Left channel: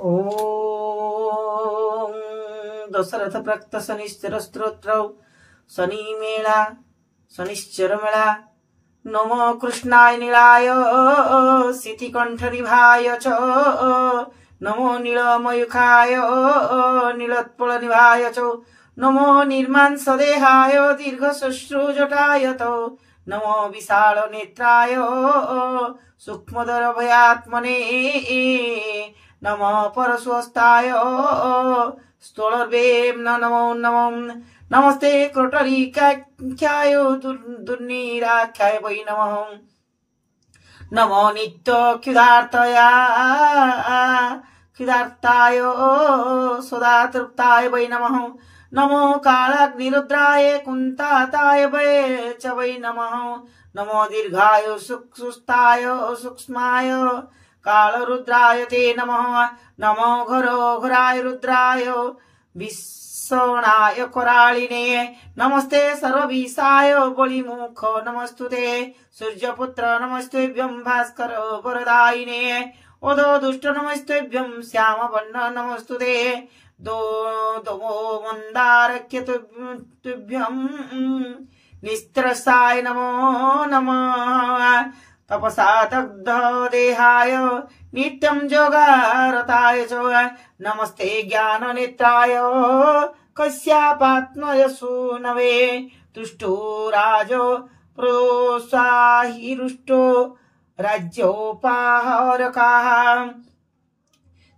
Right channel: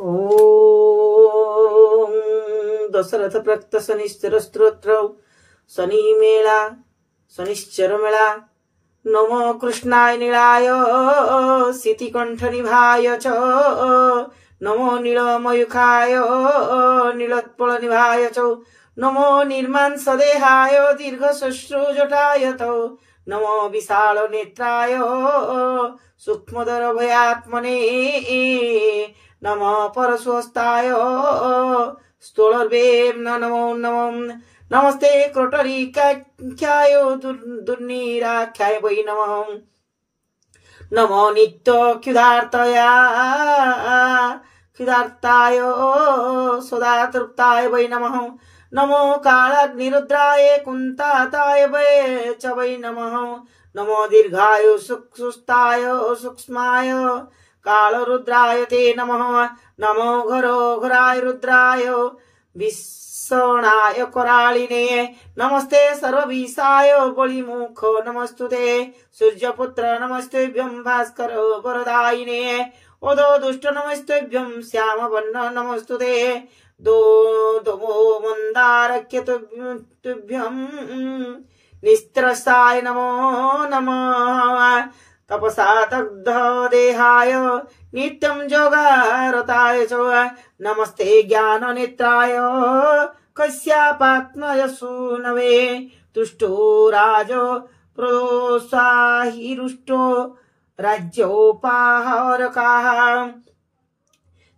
ओम दशरथ प्रक्त शनिश्चर स्तोत्र शनि मेला शनिश्चर मेला नमो कृष्णाय नीलाय सितिकंठ निभाय च नमो नीलमयूखाय नीलोत्पल निभाय च नमो निर्मांस देहाय दीर्घ शुश्रूजटाय तो नमो विशाल नेत्राय सूक्ष्मदर भयात्मने नमो परशुस्ताय स्तोलर्वेम नमो नमो नमस्ते क्रोटरीकाख्याय दुर्निराख्याय वै नमः नमो नित्य क्षुधार्ताय सदा तृप्ताय वै नमः नमो कालाग्निरुद्राय कुंताताय वै च वै नमः नमो दीर्घाय सुस्ताय सूक्ष्माय कालरुद्राय ते नमः नमो घोराय रुद्राय विषणाय करालिने नमस्ते सर्वविषाय बलिमुख नमस्तुते सूर्यपुत्र नमस्तेभ्यं भास्कर वरदायिने ओदो दुष्ट नमस्तेभ्यं श्यामवर्ण नमस्तुते दोमो मंदारक्यतुभ्यं निस्त्रसाय नमो नमः तपसा दग्ध देहाय नित्यं जोगारताय च नमस्ते ज्ञान नेत्राय कस्यापात्मयसूनवे तुष्टो राजो प्रोत्साहिरुष्टो राज्योपाहरकाः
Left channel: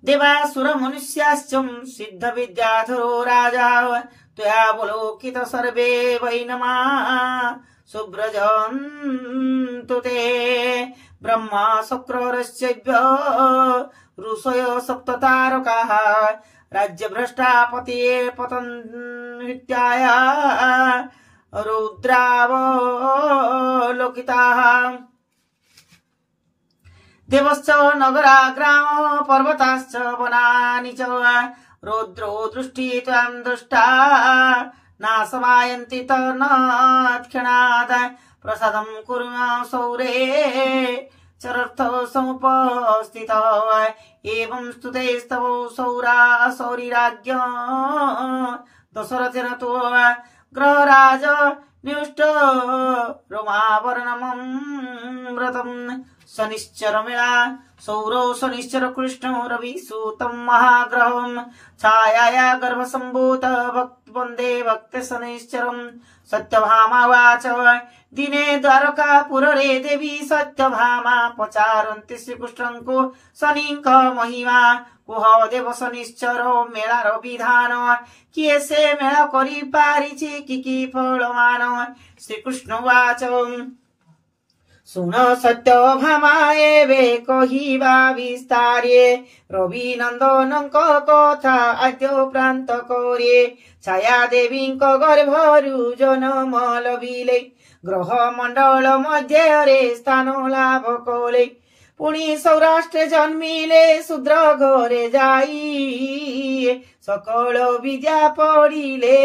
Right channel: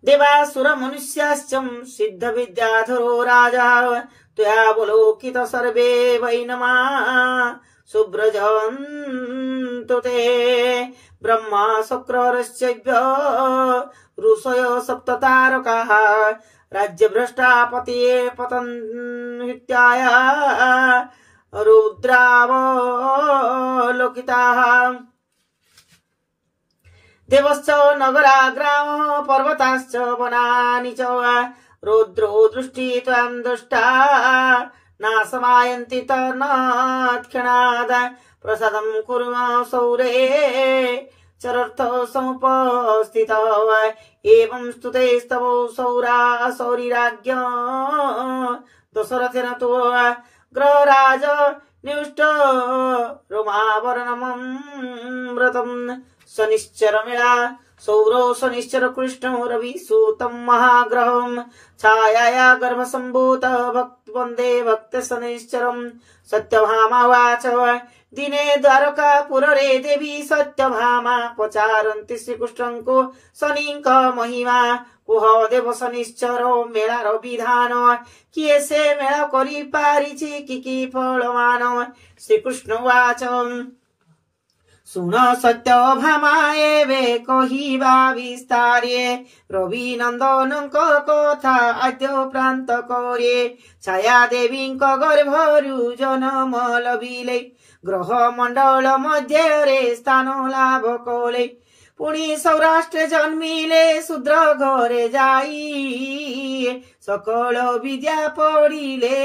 देवासुर मनुष्याश्च सिद्ध विद्याधरो राजा त्वयावलोकित सर्वे वै नमः सुब्रजन्तु ते ब्रह्मा शुक्ररश्चैभ्य ऋषय सप्ततारकाः राज्यभ्रष्टापतये पतन्वित्याय रुद्रावलोकिताः देवश्च नगरा ग्राम पर्वताश्च वनानि च रौद्रो दृष्टि त्वां दृष्टा नाशमायन्ति तन्नात्क्षणात् प्रसादं कुर्म सौरे चरर्थ समुपस्थितौ एवं स्तुतेस्तव सौरिराज्ञ दशरथेन तु ग्रहराज निष्ट रोमावरणमं व्रतम् शनिश्चर मेला सौरो शनिश्चर कृष्ण रवि सूतं महाग्रहं छायाया गर्भ संभूत भक्त वंदे भक्त शनिश्चरम सत्यभामावाच दिने द्वारकापुरे देवी सत्यभामा पचारन्ति श्रीकृष्णंको शनिंक महिमा कुह देव शनिश्चरो मेलार विधान किए से मेला करि पारिछि कि फलमान श्रीकृष्णवाच सुन सत्यभामाये कहिबा विस्तारे रवि नंदनंक कथा आद्य प्रांत करे छाया देवी गर्भरु जन्म लभिले ग्रह मंडल मध्य स्थान लाभ कले पुणी सौराष्ट्र जन्मिले शूद्र घरे जाई सकल विद्या पढ़िले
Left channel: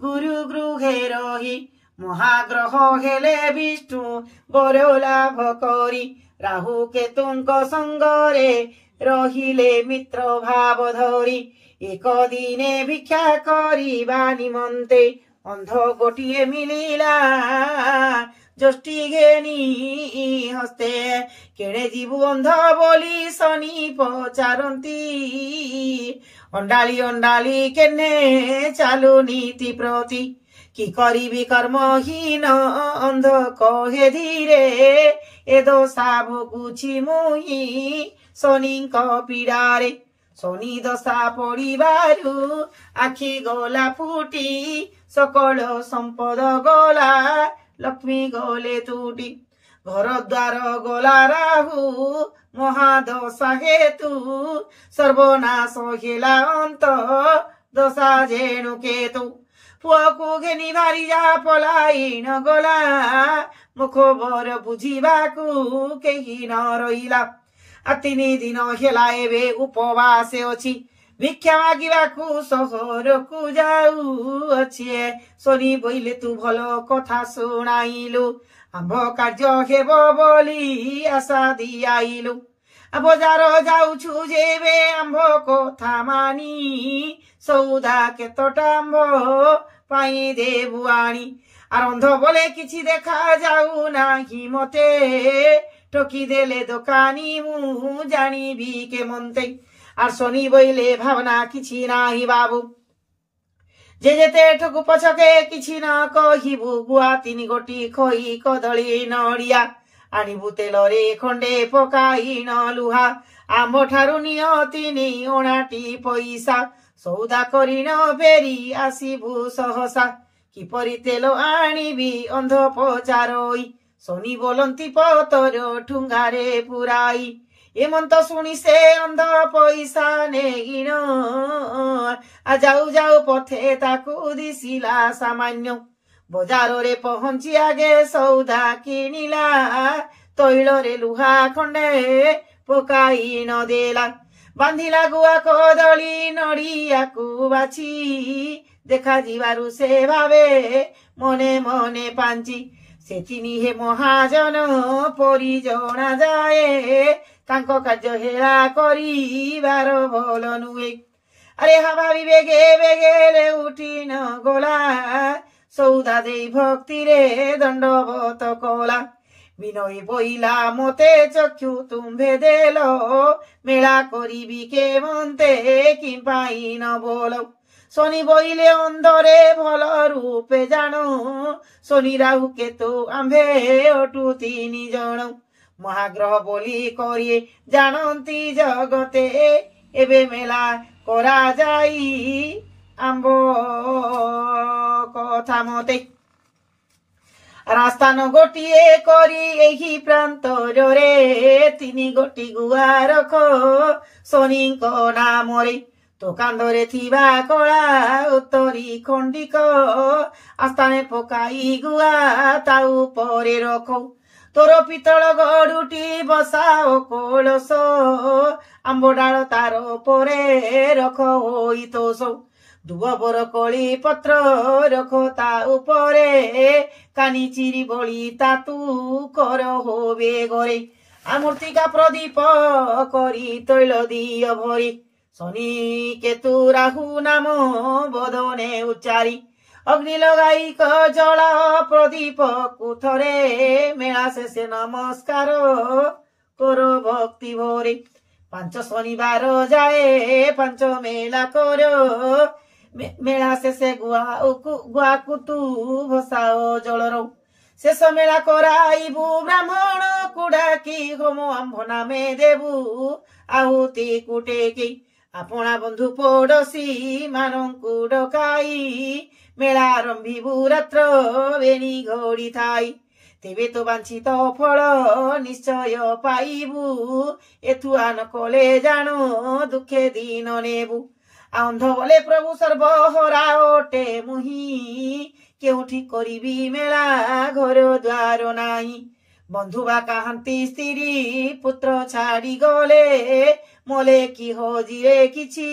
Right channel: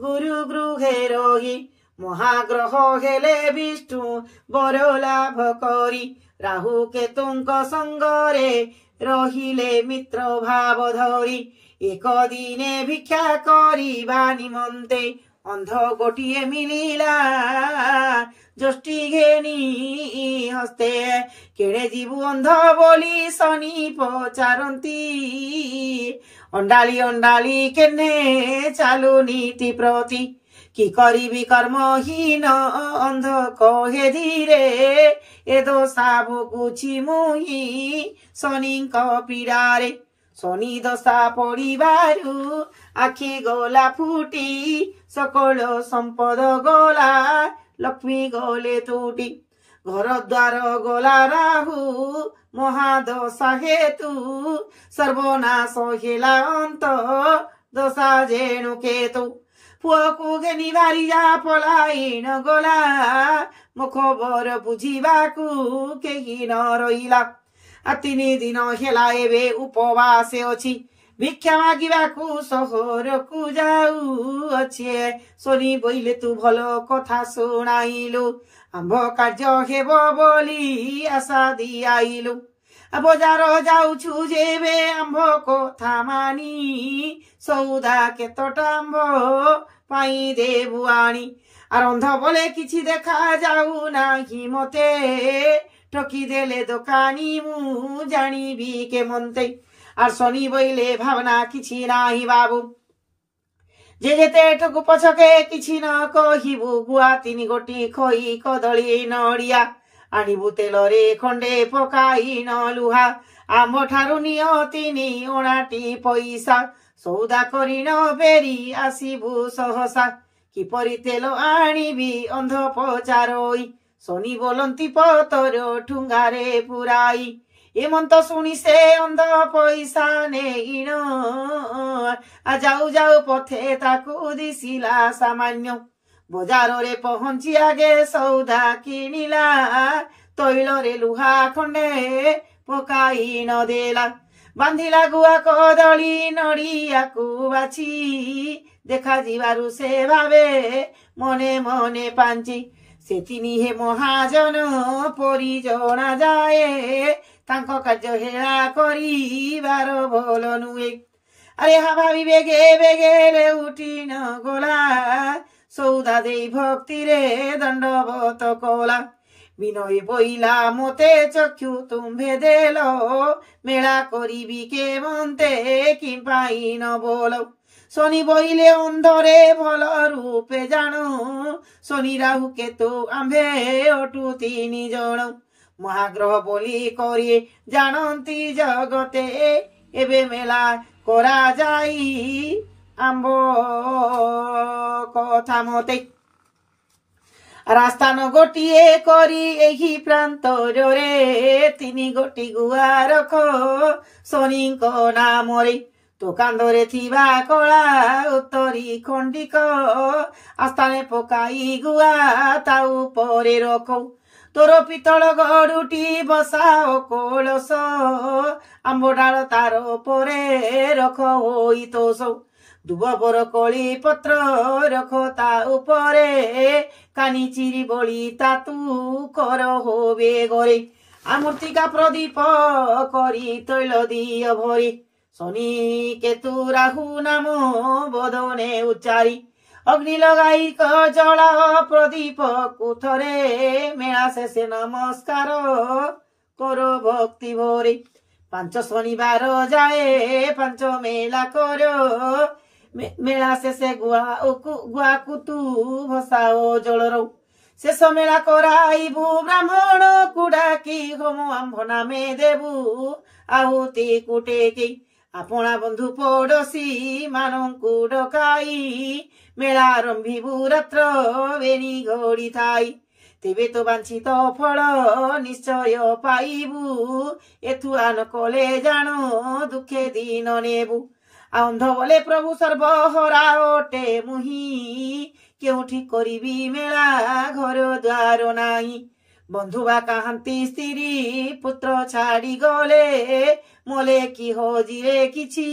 गुरु गृहे रही महाग्रह हेले विष्णु बर लाभ करी राहु केतुंक संगरे रहिले मित्र भाव धरी एक दिने भिक्षा करिबा निमन्ते अंध गोटिए मिलिला जष्टि घेनी हस्ते केड़े जीवु अंध बोली शनि पचारंती अंडाली अंडाली केने चालू नीति प्रति कि करिबी कर्महीन अंध कहे धीरे ए दशा भोगुछि मुहि शनिंक पीड़ारे शनि दशा पड़िबारु आखि गला फुटी सकल संपद गला लक्ष्मी गले टूटी घर द्वार गला राहु महादशा हेतु सर्वनाश हेला अंत दशा जेणु केतु पुअकु घेनी बारी जा पलाई न गला मो खबर बुझिबाकु केही न रहिला आ 3 दिन हेला एबे उपवासे अछि भिक्षा मागिबाकु सहरकु जाऊ अछि शनि बोइले तू भलो कथा सुनाइलु आंभ कार्य हेब बोली आशा दियाइलु ବଜାର ଯାଉଛୁ ଯେବେ ଆମ୍ଭ କଥା ମାନି ସୌଦା କେତଟା ଆମ୍ଭ ପାଇଁ ଦେବୁ ଆଣି ଆରନ୍ଧ ବୋଲେ କିଛି ଦେଖା ଯାଉ ନାହିଁ ମତେ ଠକି ଦେଲେ ଦୋକାନୀ ମୁଁ ଜାଣିବି କେମନ୍ତେ আর শনি বইলে ভাবনা কিছু নাহি বাবু যে যেতে ঠকু পছকে কিছু ন কহিবু গুয়া 3 গোটি খই কদলী নড়িয়া আনিবু তেলরে খন্ডে পকাই ন লুহা আম্ব ঠারু নিয় 3 অଣାটি পয়সা সৌদা করি ন বেরি আসিবু সহসা কিপরি তেল আনিবি অন্ধ পচারই শনি বলন্তি পতর ঠুঙ্গারে পুরাই এমন্ত শুনি সে অন্ধ পয়সা নেইন যাও যাও পথে তাকু দিছিলা সামান্য বজারে পহঞ্চি আগে সৌদা কিনিলা তৈলরে লুহা খন্ডে পকাই নদেলা বাঁধিলা গুয়া কদলী নড়িয়াকু বাছি দেখা ଯିବାରୁ ସେ ଭାବେ ମନେ ମନେ ପାଞ୍ଚି ସେଥିନି ହେ ମହାଜନ ପରି ଜଣା ଯାଏ ତାଙ୍କ କାର୍ଯ୍ୟ ହେଳା କରିବାର ଭଲ ନୁହେଁ ଆରେ ଭାବି ବେଗେ ବେଗେରେ ଉଠି ନ ଗଲା ସୌଦା ଦେଇ ଭକ୍ତିରେ ଦଣ୍ଡବତ କଲା ବିନୟ ବଇଲା ମତେ ଚକ୍ଷୁ ତୁମ୍ଭେ ଦେଲ ମେଳା କରିବି କେମନ୍ତେ କି ପାଇଁ ନ ବୋଲ শনি বইলে অন্ধরে ভাল রূপে জানো শনি রাহু কেতু আম্ভে অটু 3 জন মহাগ্রহ বলি করি জানন্তি জগতে এবে মেলা করা যাই আম্ব কথা মতে রাস্তা ন গোটিয়ে করি এই প্রান্তরে 3 গোটি গুয়া রখ শনিଙ୍କ নামরে তো কান্দরে থিবা কলা উত্তরি খণ্ডিক আস্থানে পকাই গুয়া তা উপরে রখ তোর পিতল গড়ুটি বসাও কলস আম্ব ডাল তার উপরে রখ হই তোষ দুব বর কলি পত্র রখ তা উপরে কানি চিরি বলি তা তু কর হবে গরে আমূর্তিকা প্রদীপ করি তৈল দিয় ভরে শনি কেতু রাহু নাম বদনে উচ্চারি অগ্নি লগাই জলা প্রদীপ কুথরে মেলা শেষে নমস্কার কর ভক্তি ভরে 5 শনিবার যায় 5 মেলা কর মেলা শেষে গুয়া কুতু ভসাও জলর শেষ মেলা করাইবু ব্রাহ্মণ কুডাকি হোম আম্ভ নামে দেবু আহুতি কুটেকি আপনা বন্ধু পড়োশী মানঙ্কু ডকাই মেলা আরম্ভিবু রাত্র বেণী ঘড়ি থাই তেবে তো বাঞ্ছিত ফল নিশ্চয় পাইবু এথু আন কলে জানো দুঃখে দিন নেবু অন্ধ বলে প্রভু সর্বহরা ওটে মুহি কেউঠি করিবি মেলা ঘর দ্বার নাই বন্ধু বা কাহান্তি স্ত্রী পুত্র ছাড়ি গলে মলে কি হজিরে কিছু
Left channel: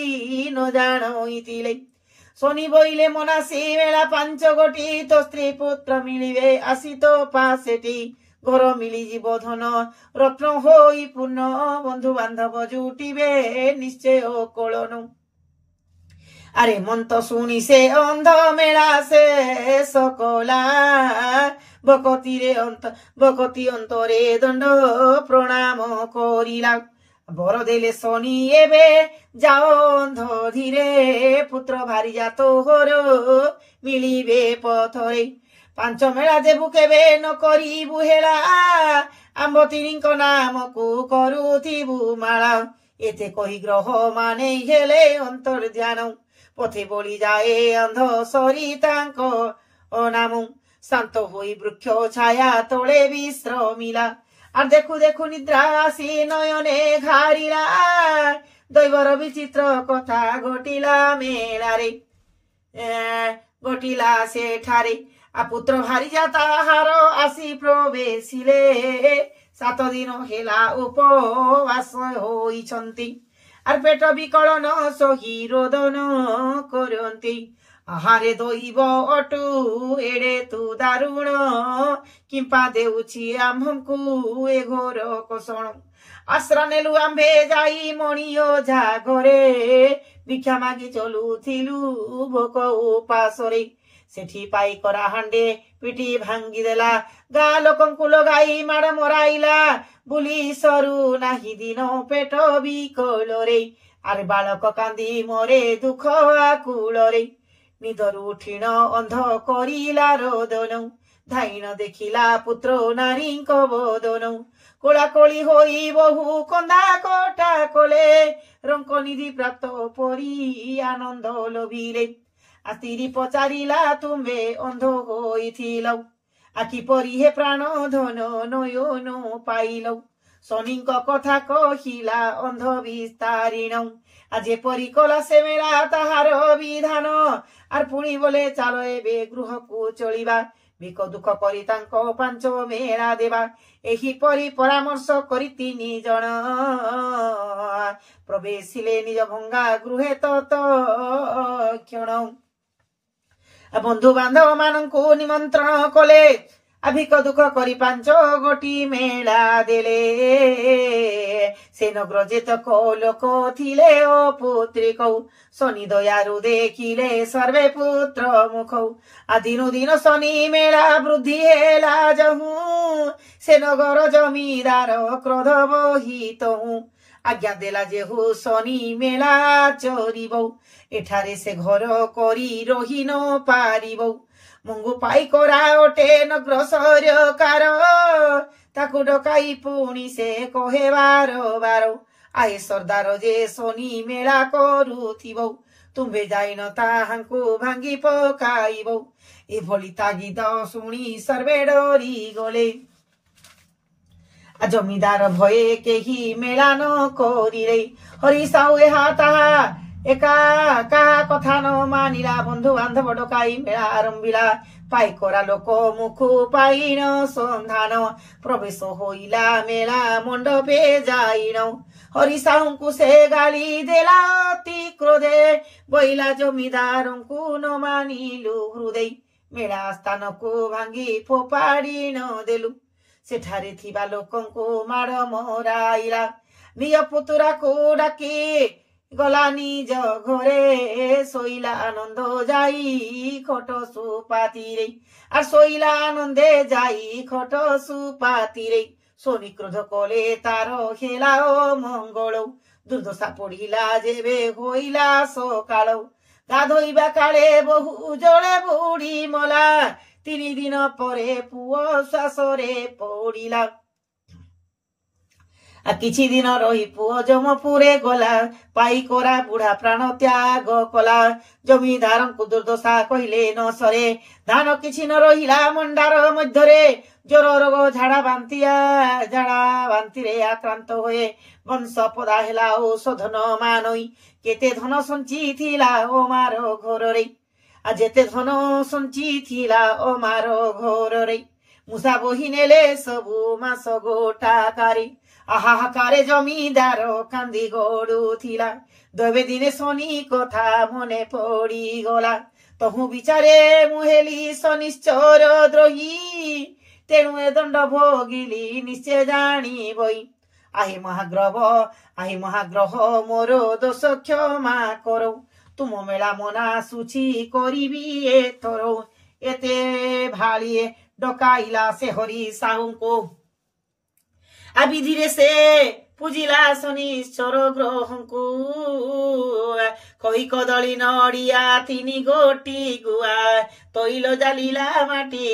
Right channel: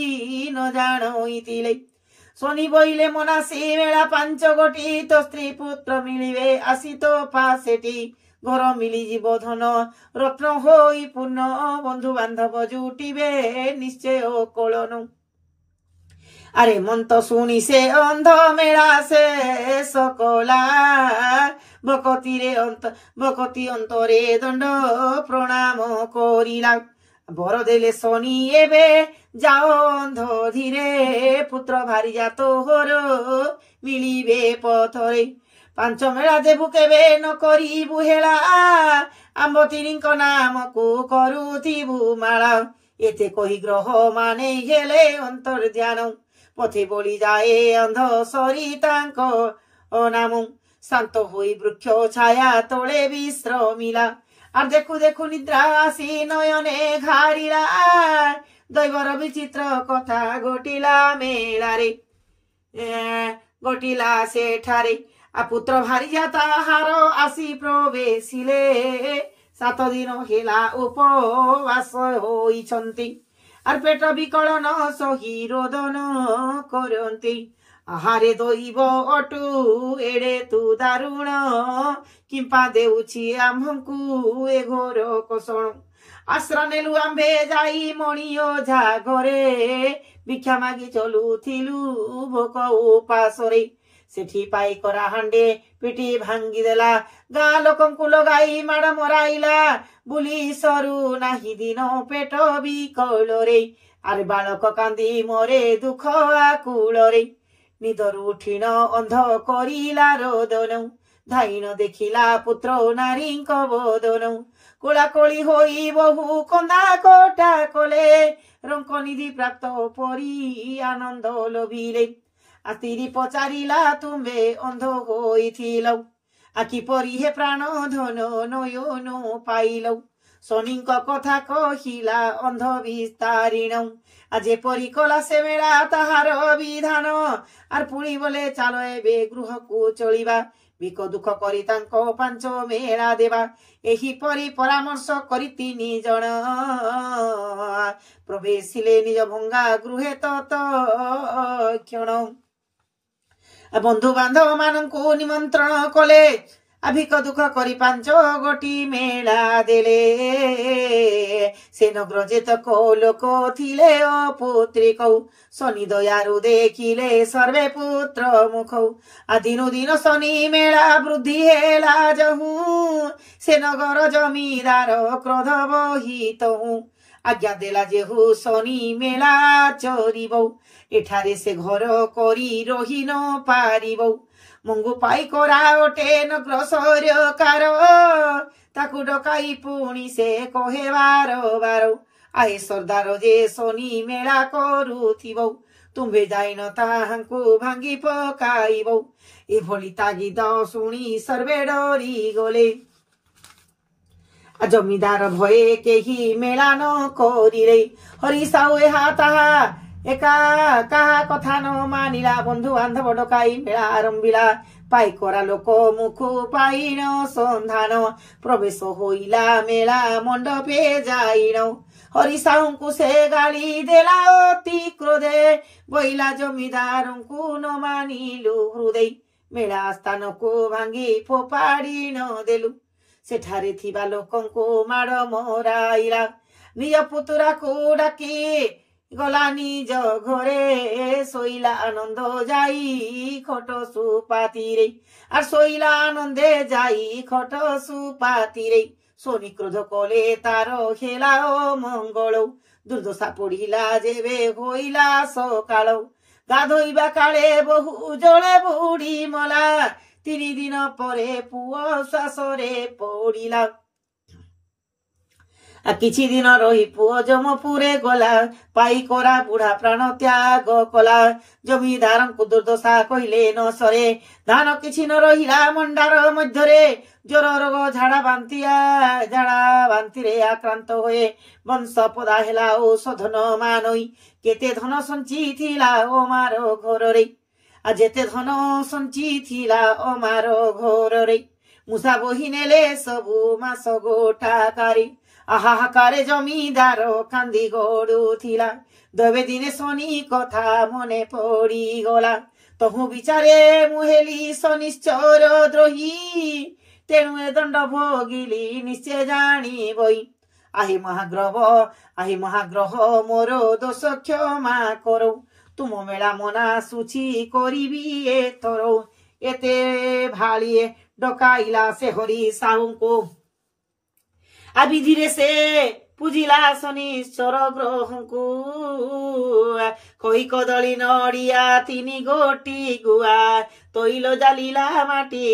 ন জানইতিলে শনি বইলে মনাসি মেলা 5 গোটি তো স্ত্রী পুত্র মিলিবে আসি তো পাশেটি ঘর মিলিଯିବ ধন রত্ন হই পূর্ণ বন্ধু বান্ধব জুটিবে নিশ্চয় কোলনু আরে মন্ত শুনি সে অন্ধ মেলা সে সকলা বকতি অন্তরে দণ্ড প্রণাম করিলা বর দেলে শনি এবে যাও অন্ধ ধীরে পুত্র ভারি জাত হর মিলিবে পথরে 5 মেলা দেবু কেবে ন করিবু হেলা আম্ব 3ଙ୍କ নামକୁ କରୁଥିବୁ ମାଳା এতে কহি গ্রহ মানে হেলে অন্তর ধ্যান পথে বলি যায় অন্ধ সরি তাঙ্ক নাম শান্ত হই বৃক্ষ ছায়া তলে বিশ্রমিলা আর দেখু দেখু নিদ্রা আসি নয়নে ঘারিলা দৈবর বিচিত্র কথা ঘটিলা মেলারে ঘটিলা সেঠারে পুত্র ভারি যা তাহার আসি প্রবেশিলে 7 দিন হেলা উপবাস হইছন্তি আর পেট বিকলন সহি রোদন করন্তি আহারে দৈব অটু এড়ে তু দারুণ কিম্পা দেউছি আম্ভଙ୍କୁ ଏ ଘୋର କୋଷଣ ଆଶ୍ରା ନେଲୁ ଆମ୍ଭେ ଯାଇ ମଣି ଓଝା ଘରେ ଭିକ୍ଷା ମାଗି ଚଲୁଥିଲୁ ଭୋକ ଉପାସରେ ସେଠି ପାଇ କରା ହାଣ୍ଡେ ପିଟି ଭାଙ୍ଗିଦେଲା ଗାଁ ଲୋକଙ୍କୁ ଲଗାଇ ମାଡ଼ ମରାଇଲା ବୁଲି ସରୁ ନାହିଁ ଦିନ ପେଟ ବିକଳରେ ଆରେ ବାଳକ କାନ୍ଦି ମରେ ଦୁଃଖ ଆକୁଳରେ ନିଦରୁ ଉଠିଣ ଅନ୍ଧ କରିଲା ରୋଦନ ଧାଇନ ଦେଖିଲା ପୁତ୍ର ନାରୀଙ୍କ ବୋଦନ କୋଳାକୋଳି ହୋଇ ବହୁ କନ୍ଦା କଟା କଲେ ରଙ୍କ ନିଧି ପ୍ରାପ୍ତ ପରି ଆନନ୍ଦ ଲୋଭିଲେ ଆତିରି ପଚାରିଲା ତୁମେ ଅନ୍ଧ ହୋଇଥିଲ ଆଖି ପରି ହେ ପ୍ରାଣ ଧନ ନୟନ ପାଇଲ ଶନିଙ୍କ କଥା କହିଲା ଅନ୍ଧ ବିସ୍ତାରିଣ ଆଜି ପରି କଲା ସେ ମେଳା ତାହାର ବିଧାନ ଆର୍ ପୁଣି ବୋଲେ ଚାଲ ଏବେ ଗୃହକୁ ଚଳିବା ଭିକ ଦୁଃଖ କରି ତାଙ୍କ ପାଞ୍ଚ ମେଳା ଦେବା ଏହିପରି ପରାମର୍ଶ କରି 3 ଜଣ ପ୍ରବେଶିଲେ ନିଜ ଭଙ୍ଗା ଗୃହେ ତତ୍କ୍ଷଣ ବନ୍ଧୁ ବାନ୍ଧବ ମାନଙ୍କୁ ନିମନ୍ତ୍ରଣ କଲେ ଭିକ ଦୁଃଖ କରି 5 ଗୋଟି ମେଳା ଦେଲେ ସେ ନଗର ଯେତକ ଲୋକ ଥିଲେ ଓ ପୁତ୍ରିକ ଶନି ଦୟାରୁ ଦେଖିଲେ ସର୍ବେ ପୁତ୍ର ମୁଖ ଦିନୁ ଦିନ ଶନି ମେଳା ବୃଦ୍ଧି ହେଲା ଯହୁ ସେ ନଗର ଜମିଦାର କ୍ରୋଧ ବହିତ ଆଜ୍ଞା ଦେଲା ଯେହୁ ଶନି ମେଳା ଚରିବ ଏଠାରେ ସେ ଘର କରି ରହି ନ ପାରିବ ମଙ୍ଗୁ ପାଇ କରା ଓଟେ ନଗ୍ର ସରକାର ତାକୁ ଡକାଇ ପୁଣି ସେ କହେ ବାର ଆହେ ସର୍ଦ୍ଦାର ଯେ ଶନି ମେଳା କରୁଥିବ ତୁମ୍ଭେ ଯାଇନ ତାହାଙ୍କୁ ଭାଙ୍ଗି ପକାଇବ ଏଭଳି ତାଗିଦ ଶୁଣି ସର୍ବେ ଡରି ଗଲେ ଜମିଦାର ଭଏ କେହି ମେଳା ନ କରିରେ ହରି ସାଉ ଏହା ତାହା ଏକା କାହା କଥା ନ ମାନିଲା ବନ୍ଧୁ ବାନ୍ଧବ ଡକାଇ ମେଳା ଆରମ୍ଭିଲା ପାଇ କରା ଲୋକ ମୁଖ ପାଇନ ସନ୍ଧାନ ପ୍ରବେଶ ହୋଇଲା ମେଳା ମଣ୍ଡପେ ଯାଇନ ହରି ସାହୁଙ୍କୁ ସେ ଗାଳି ଦେଲା ଅତି କ୍ରୋଧେ ବଇଲା ଜମିଦାରଙ୍କୁ ନ ମାନିଲୁ ହୃଦୟ ମେଳା ସ୍ଥାନକୁ ଭାଙ୍ଗି ଫୋପାଡ଼ି ନ ଦେଲୁ ସେଠାରେ ଥିବା ଲୋକଙ୍କୁ ମାଡ଼ ମରାଇଲା ନିଜ ପୁତୁରାକୁ ଡାକି ଗଲା ନିଜ ଘରେ ଶୋଇଲା ଆନନ୍ଦ ଯାଇ ଖଟ ସୁପାତିରେ আর শৈলা আনন্দে যাই খট সুপাতিরে শনি ক্রোধ কলে তার হেলা মঙ্গল দুর্দশা পড়িলা যেবে হইলা সকাল গাধইবা কালে বহু জলে বুড়ি মলা 3 দিন পরে পুয় শ্বাসরে পড়িলা କିଛି ଦିନ ରହି ପୁଅ ଯମପୁରେ ଗଲା ପାଇ କରା ବୁଢା ପ୍ରାଣ ତ୍ୟାଗ କଲା ଜମିଦାରଙ୍କୁ ଦୁର୍ଦଶା କହିଲେ ନ ସରେ ଧାନ କିଛି ନ ରହିଲା ମଣ୍ଡାର ମଧ୍ୟରେ ଜ୍ୱର ରୋଗ ଝାଡା ବାନ୍ତିରେ ଆକ୍ରାନ୍ତ ହୁଏ ବଂଶ ପଦା ହେଲା ଔଷଧ ନ ମାନଇ କେତେ ଧନ ସଞ୍ଚିଥିଲା ଅମାର ଘରରେ ଯେତେ ଧନ ସଞ୍ଚିଥିଲା ଅମାର ଘରରେ ମୂଷା ବୋହି ନେଲେ ସବୁ ମାସ ଗୋଟାକାରେ আহাহাকারে জমিদার কান্দি গড়ুথিলা দবে দিনে শনি কথা মনে পড়ি গলা তহু বিচারে মুহেলি শনিশ্চর দ্রোহী তেণু এ দণ্ড ভোগিলি নিশ্চয় জানিবই আহি মহাগ্রহ মোর দোষ ক্ষমা করো তুম মেলা মনা সুচি করিবি এথর এতে ভালিয়ে ডকাইলা সে হরি সাহুଙ୍କୁ আবিধিরে সে পুজিলা শনিশ্চর গ্রহଙ୍କୁ কই কদলী নড়িয়া 3 গোটি গুয়া তৈল জালিলা মাটি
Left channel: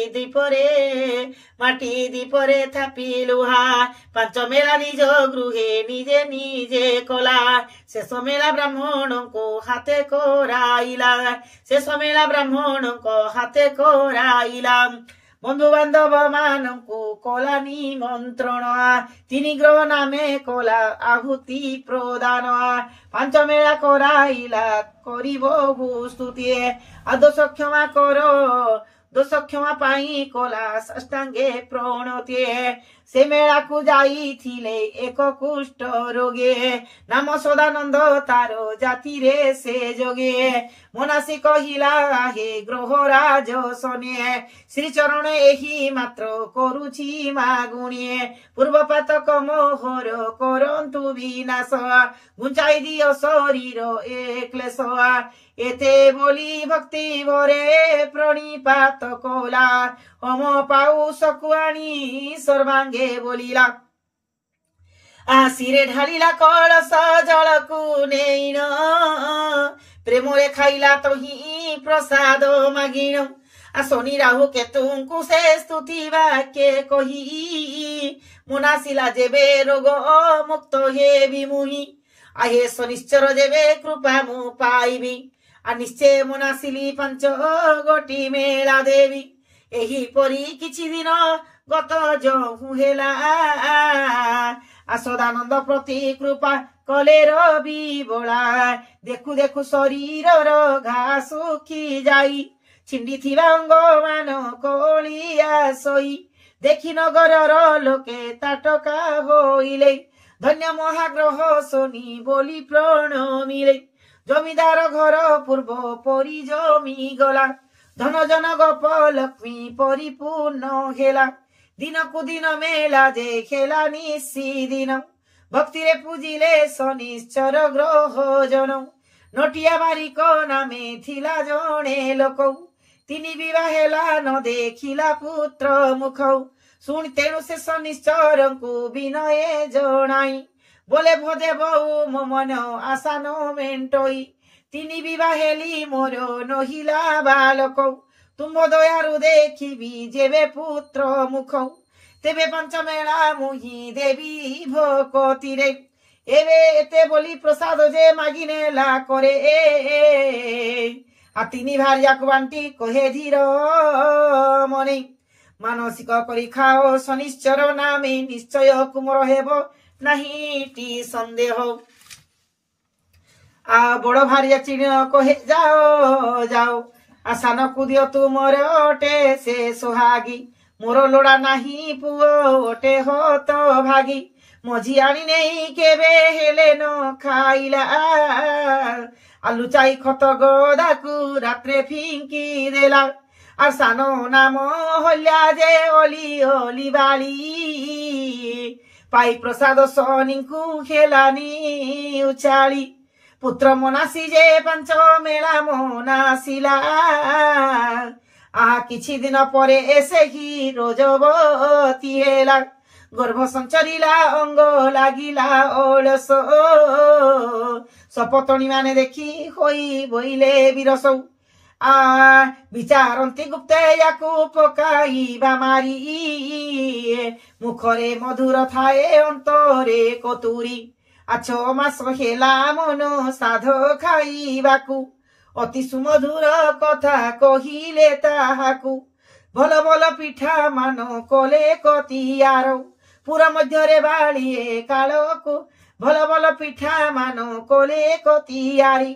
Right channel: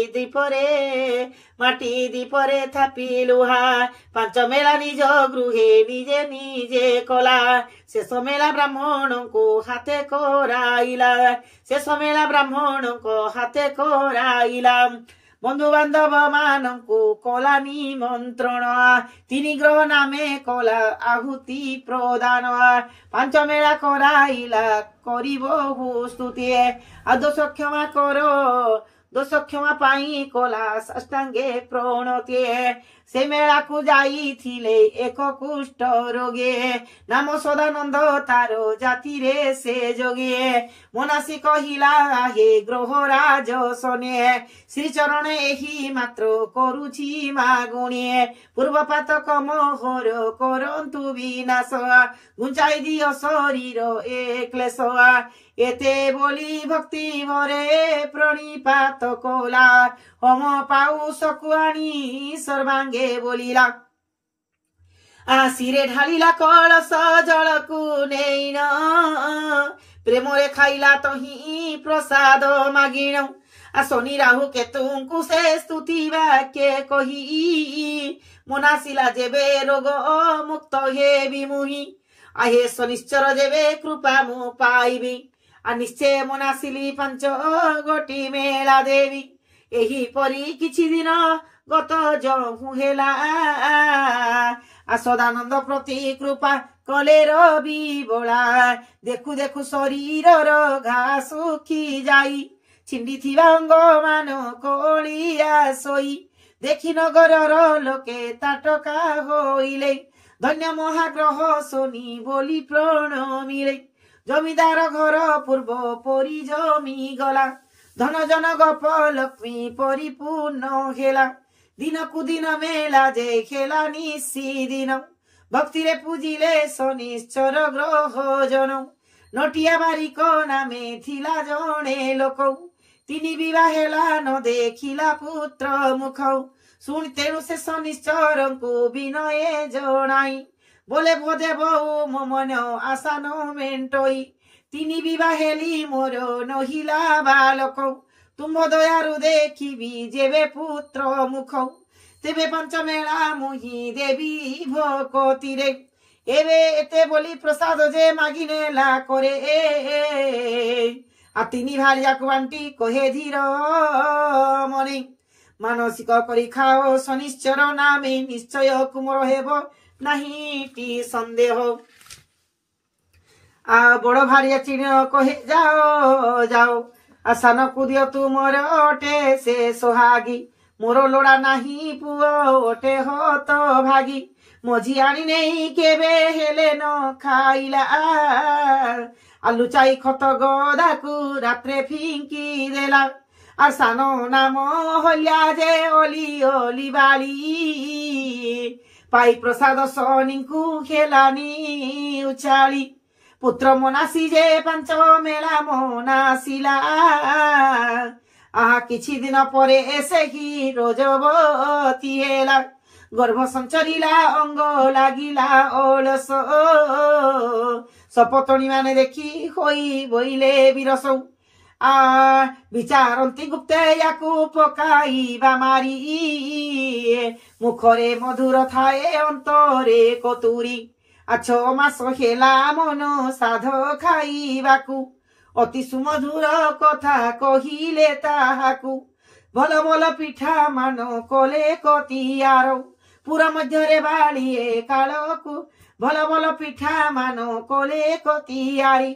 দীপরে থাপি লুহা 5 মেলা নিজ গৃহে নিজে নিজে কলা শেষ মেলা ব্রাহ্মণଙ୍କୁ হাতে কৰাইলা বন্ধু বান্ধব মানଙ୍କୁ কলা নিমন্ত্রণ 3 গ্রহ নামে কলা আহুতি প্রদান 5 মেলা কৰাইলা করিব স্তুতি দোষ ক্ষমা কর দোষ ক্ষমা পাই কলা সাষ্টাঙ্গে প্রণতি से मेला को जाई थिले एक कुष्ठ रोगे नाम सदानंद तारो जाति रे से जोगे मोनासी कहिला हे ग्रहराज सने श्री चरण एही मात्र करुछि मागुणी पूर्वपातक मोहर करंतु विनाश गुंचाई दियो शरीर ए क्लेश एते बोली भक्ति भरे प्रणिपात कोला होम पाऊ सकुआनी सर्वांगे बोलिला आसिरे ढालिला कलश जलकु नेइन प्रेमरे खाइला तो ही प्रसाद मागिण आ शनि राहु केतुंकु से स्तुति वाक्य कही मुनासिला जेबे रोग मुक्त हे विमुहि आहे शनिश्चर जेबे कृपा मु पाइबी आ निश्चय मुनासिली पंच गोटी मेला देवी एही परी किछि दिन गत जहु हेला आ सदानंद प्रति कृपा कले रवि बोला देखु देखु शरीर घा सुखी जाई छिंडी थिबा अंग मान कलिया सोई देखि नगर लोके ताटका होइले धन्य महाग्रह सोनी बोली प्रणमिले जमीदार घर पूर्व परी जमी गला धन जन गप लक्ष्मी परिपूर्ण हेला दिन कु दिन मेला जे खेला निशी दिन भक्ति रे पूजिले शनिश्चर ग्रह जन नटिया बारिक नामे थिला जणे लोक तिनी विवाह हेला न देखिला पुत्र मुख शुण तेणु से शनिश्चर को विनय जनाई बोले भजे बहु मो मन आशा न मेंटई तिनी विवाह हेली मोर नहिला बालक तुम दयारु देखिबी जेबे पुत्र मुख तेबे पंचमेला मुही देवी भकति रे एबे एते बोली प्रसाद जे मागिने ला करे आ तिनी भार्या को बांटी कहे धीर मने मानसिक करी खाओ शनिश्चर नामे निश्चय कुमर हेबो नहीं टी संदेह आ बड़ भारिया चिण कहे जाओ जाओ आ सान को दियो तुमर ओटे से सोहागी मोर लोड़ा नाही पुओ ओटे हो तो भागी मझी आनी नहीं केबे हेले न खाइला आलू चाई खत गदा को रात्रे फिंकी देला आ सानो नाम हल्या जे ओली ओली बाली पाई प्रसाद सोनी को खेलानी उचाली पुत्र मोनासी जे पंच मेला मोनासिला किछि दिन परे एसे ही रोजवती हेला गर्भ संचरिला अंग लागिला ओलस सपतणी माने देखी होई बोइले बिरसौ विचारती गुप्ते याकू पकाइबा मारी मुखरे मधुर थाए अंतरे कतुरी आछ मास हेला मन साध खाइबाकू अति सुमधुर कथा कहिले ताहाकू भल भल पिठा मान कले कतियार पुरा मध्यरे बाड़िए कालकू भल भल पिठा मान कले कतियारी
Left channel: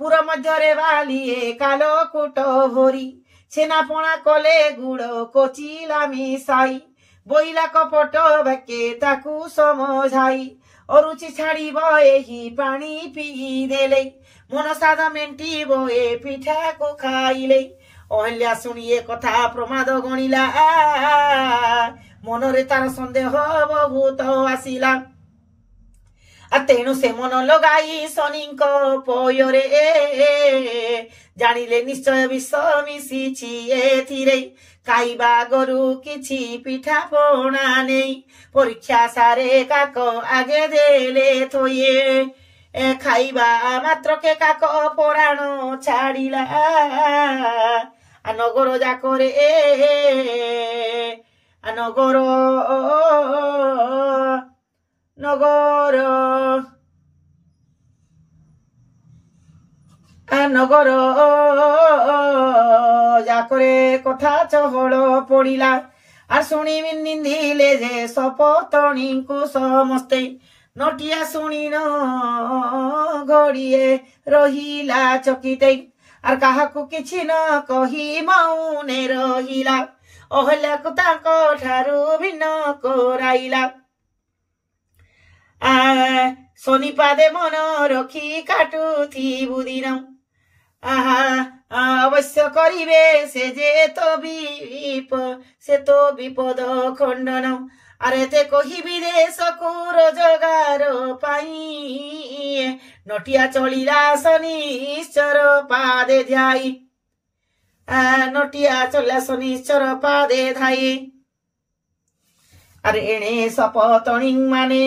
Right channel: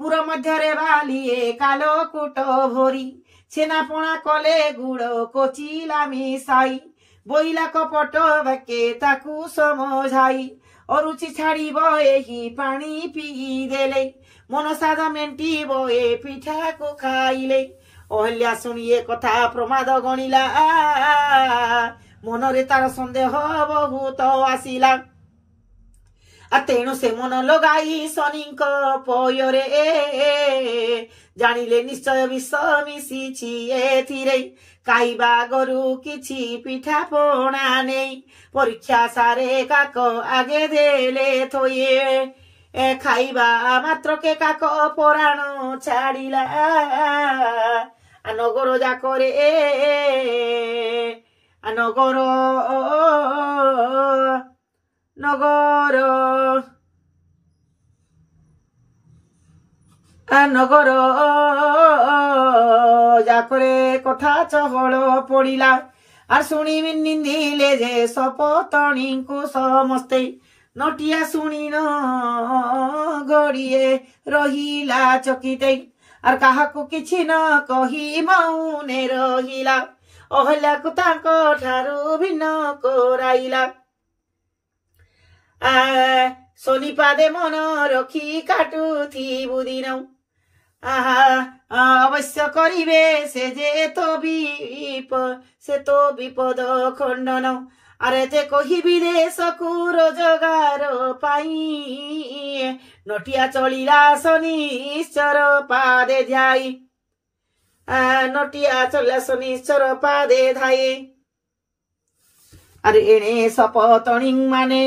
पुरा मध्यरे बालिए काल कुट भरी छेना पणा कले गुड़ कोचिला मिसाई बोइला कपट बाके ताकू समझाई अरुचि छाड़ब एही पानी पी देले मन सादा मेंटिब ए पिठा को खाइले अहल्या शुणिए कथा प्रमाद गणिला मनरे तार संदेह बहुत आसिला तेणु से मन लगाई शनि पୟରେ जानिले निश्चय विष मिशिछि एथिरे खाइबा गरु किछि पिठा पणा नहीं परीक्षा सारे काक आगे देले थोये खाइबा मात्र के काक पराण छाड़िला नगर जाकरे नगर नगर नगर जाकरे कथा चहल पड़िला आ शुणी निंदिले जे सपतणी को समस्ते नटिया शुणी न घड़िए रहिला चकिते आर काहाकू किछि न कही मौने रहिला ଅହଲ୍ୟାକୁ ତାଙ୍କ ଠାରୁ ଭିନ୍ନ କରାଇଲା। ଶନିପାଦେ ମନ ରଖି କାଟୁଥିବୁ ଦିନ ଅବଶ୍ୟ କରିବେ ସେ ଯେ ତ ବିପଦ ଖଣ୍ଡନ। ଆରେ ତେ କହିବି ଦେଶକୁ ରୋଜଗାର ପାଇଁ ନଟିଆ ଚଳିଲା ଶନିଶ୍ଚର ପାଦେ ଧ୍ୟାଇ ନଟିଆ ଚଳିଲା ଶନିଶ୍ଚର ପାଦେ ଧାଇ। ଆରେ ଏଣେ ସପତଣୀ ମାନେ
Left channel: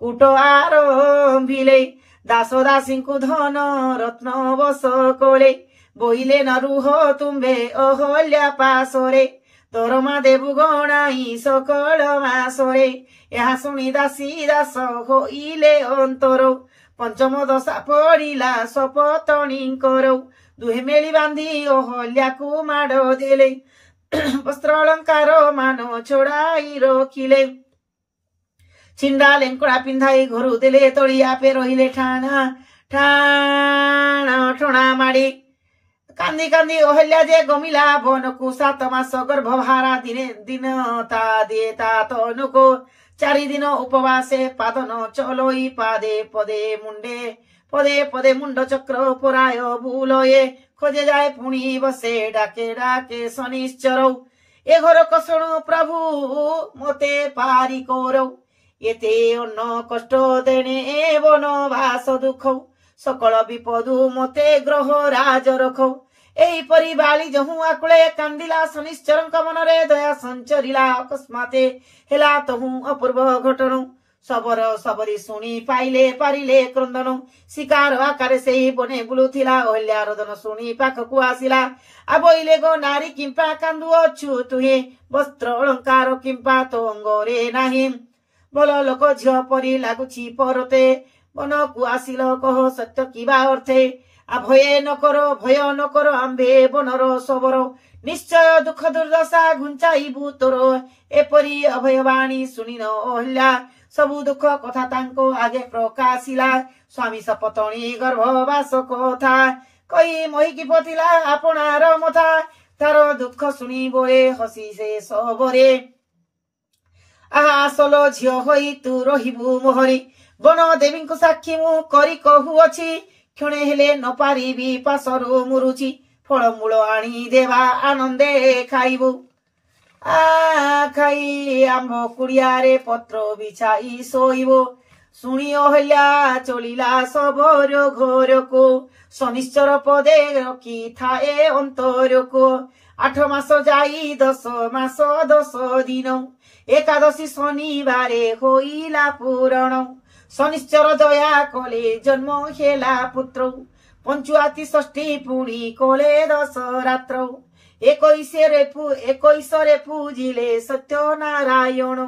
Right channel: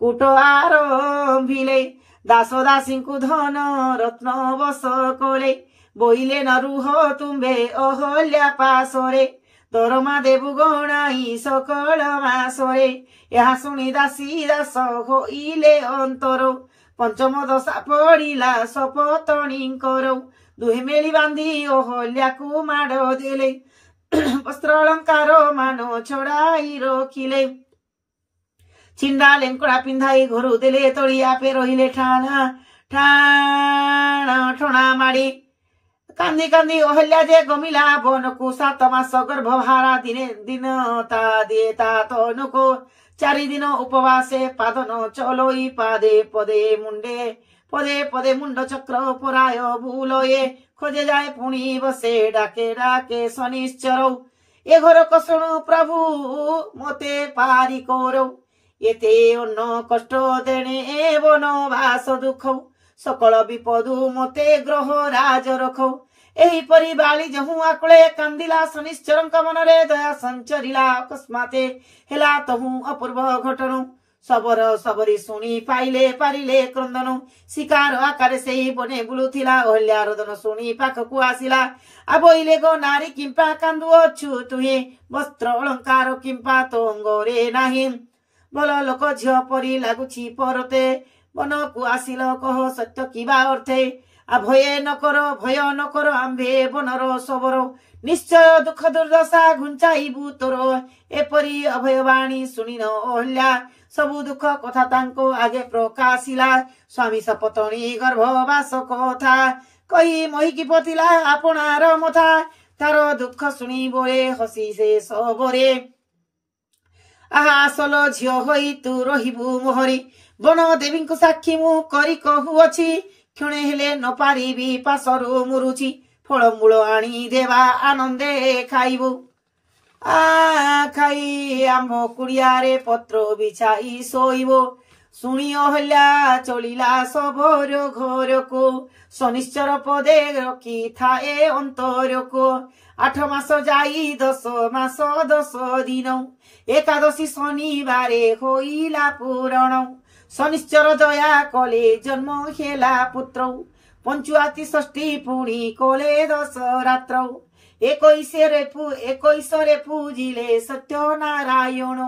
କୁଟ ଆରମ୍ଭିଲେ ଦାସ ଦାସୀଙ୍କୁ ଧନ ରତ୍ନ ବସ କଲେ ବୋଇଲେ ନ ରୁହ ତୁମ୍ଭେ ଅହଲ୍ୟା ପାଶରେ ଦରମା ଦେବୁ ଗଣାଇ ସକଳ ମାସରେ। ଏହା ଶୁଣି ଦାସୀ ଦାସ ହୋଇଲେ ଅନ୍ତର ପଞ୍ଚମ ଦଶା ପଡ଼ିଲା ସପତଣୀଙ୍କର ଦୁହେଁ ମେଳି ବାନ୍ଧି ଅହଲ୍ୟାକୁ ମାଡ଼ ଦେଲେ ବସ୍ତ୍ର ଅଳଙ୍କାର ମାନ ଛଡାଇ ରଖିଲେ ଛିଣ୍ଡା ଲେଙ୍କଡ଼ା ପିନ୍ଧାଇ ଘରୁ ଦେଲେ ତଳି ଆପେ ରହିଲେ ଠଣା ମାଡ଼ି। କାନ୍ଦି କାନ୍ଦି ଅହଲ୍ୟା ଯେ ଗମିଲା ବନକୁ 7 ମାସ ଗର୍ଭଭାରା ଦିନ ତା ଦିଏ ତା ତନୁକୁ 4 ଦିନ ଉପବାସେ ପାଦନ ଚଲୋଇ ପାଦେ ପଦେ ମୁଣ୍ଡ ଚକ୍ର ପରାୟ ବୁଲଏ ଖୋଜେ ଯାଏ ପୁଣି ବସେ ଡାକେ ଡାକେ ଶନିଶ୍ଚର ଏ ଘର କଷଣ ପ୍ରଭୁ ମତେ ପାରି କର ଏତେ ଅନ୍ନ କଷ୍ଟ ଦେଣେ ବନବାସ ଦୁଃଖ ସକଳ ବିପଦୁ ମତେ ଗ୍ରହ ରାଜ ରଖ। ଏହିପରି ବାଳି ଯହୁଁ ଆକୁଳେ କାନ୍ଦିଲା ଶନିଶ୍ଚରଙ୍କ ମନରେ ଦୟା ସଞ୍ଚରିଲା ଅକସ୍ମାତେ ହେଲା ତହୁଁ ଅପୂର୍ବ ଘଟଣ। ସବର ସବରି ଶୁଣି ପାଇଲେ ପାରିଲେ କ୍ରନ୍ଦନ ଶିକାର ଆକାରେ ସେହି ବନେ ବୁଲୁଥିଲା ଅହଲ୍ୟା ରୋଦନ ଶୁଣି ପାଖକୁ ଆସିଲା ଆବଇଲେ ଗো ନାରୀ କିମ୍ପା କାନ୍ଦୁଅଛୁ ତୁହେ ବସ୍ତ୍ର ଅଳଙ୍କାର କିମ୍ପା ତୋ ଅଙ୍ଗରେ ନାହିଁ ଭଲ ଲୋକ ଝିଅ ପରି ଲାଗୁଛି ପରତେ ବନକୁ ଆସିଲ କହ ସତ୍ୟ କିବା ଅର୍ଥେ ଭୟ ନ କର ଆମ୍ଭେ ବନର ସବର ନିଶ୍ଚୟ ଦୁଃଖ ଦୁର୍ଦଶା ଘୁଞ୍ଚାଇବୁ ତୋର। ଏପରି ଅଭୟବାଣୀ ଶୁଣିନ ଅହଲ୍ୟା ସବୁ ଦୁଃଖ କଥା ତାଙ୍କ ଆଗେ ପ୍ରକାଶିଲା ସ୍ୱାମୀ ସପତଣୀ ଗର୍ଭବାସ କଥା କହି ମହିକି ପଥିଲା ଆପଣାର ମଥା ତାର ଦୁଃଖ ଶୁଣି ବୋଳେ ହସି ସେ ସବରେ ଆସଲ ଝିଅ ହୋଇ ତୁ ରହିବୁ ମୋହରି ବନ ଦେବୀଙ୍କୁ ସାକ୍ଷୀ ମୁଁ କରି କହୁଅଛି କ୍ଷଣେ ହେଲେ ନ ପାରିବି ପାଶରୁ ମୁରୁଛି ଫଳମୂଳ ଆଣି ଦେବା ଆନନ୍ଦେ ଖାଇବୁ ଖାଇ ଆମ୍ବ କୁଡ଼ିଆରେ ପତ୍ର ବିଛାଇ ଶୋଇବ ଶୁଣି ଅହଲ୍ୟା ଚଳିଲା ସବର ଘରକୁ ଶନିଶ୍ଚର ପଦେ ରଖିଥାଏ ଅନ୍ତରକୁ 8 ମାସ ଯାଇ 10 ମାସ 10 ଦିନ ଏକାଦଶୀ ଶନିବାରେ ହୋଇଲା ପୂରଣ ଶନିଶ୍ଚର ଦୟା କଲେ ଜନ୍ମ ହେଲା ପୁତ୍ର ପଞ୍ଚୁଆତି ଷଷ୍ଠୀ ପୁଣି କଲେ 10 ରାତ୍ର 21ରେ ପୂଜିଲେ ସତ୍ୟନାରାୟଣ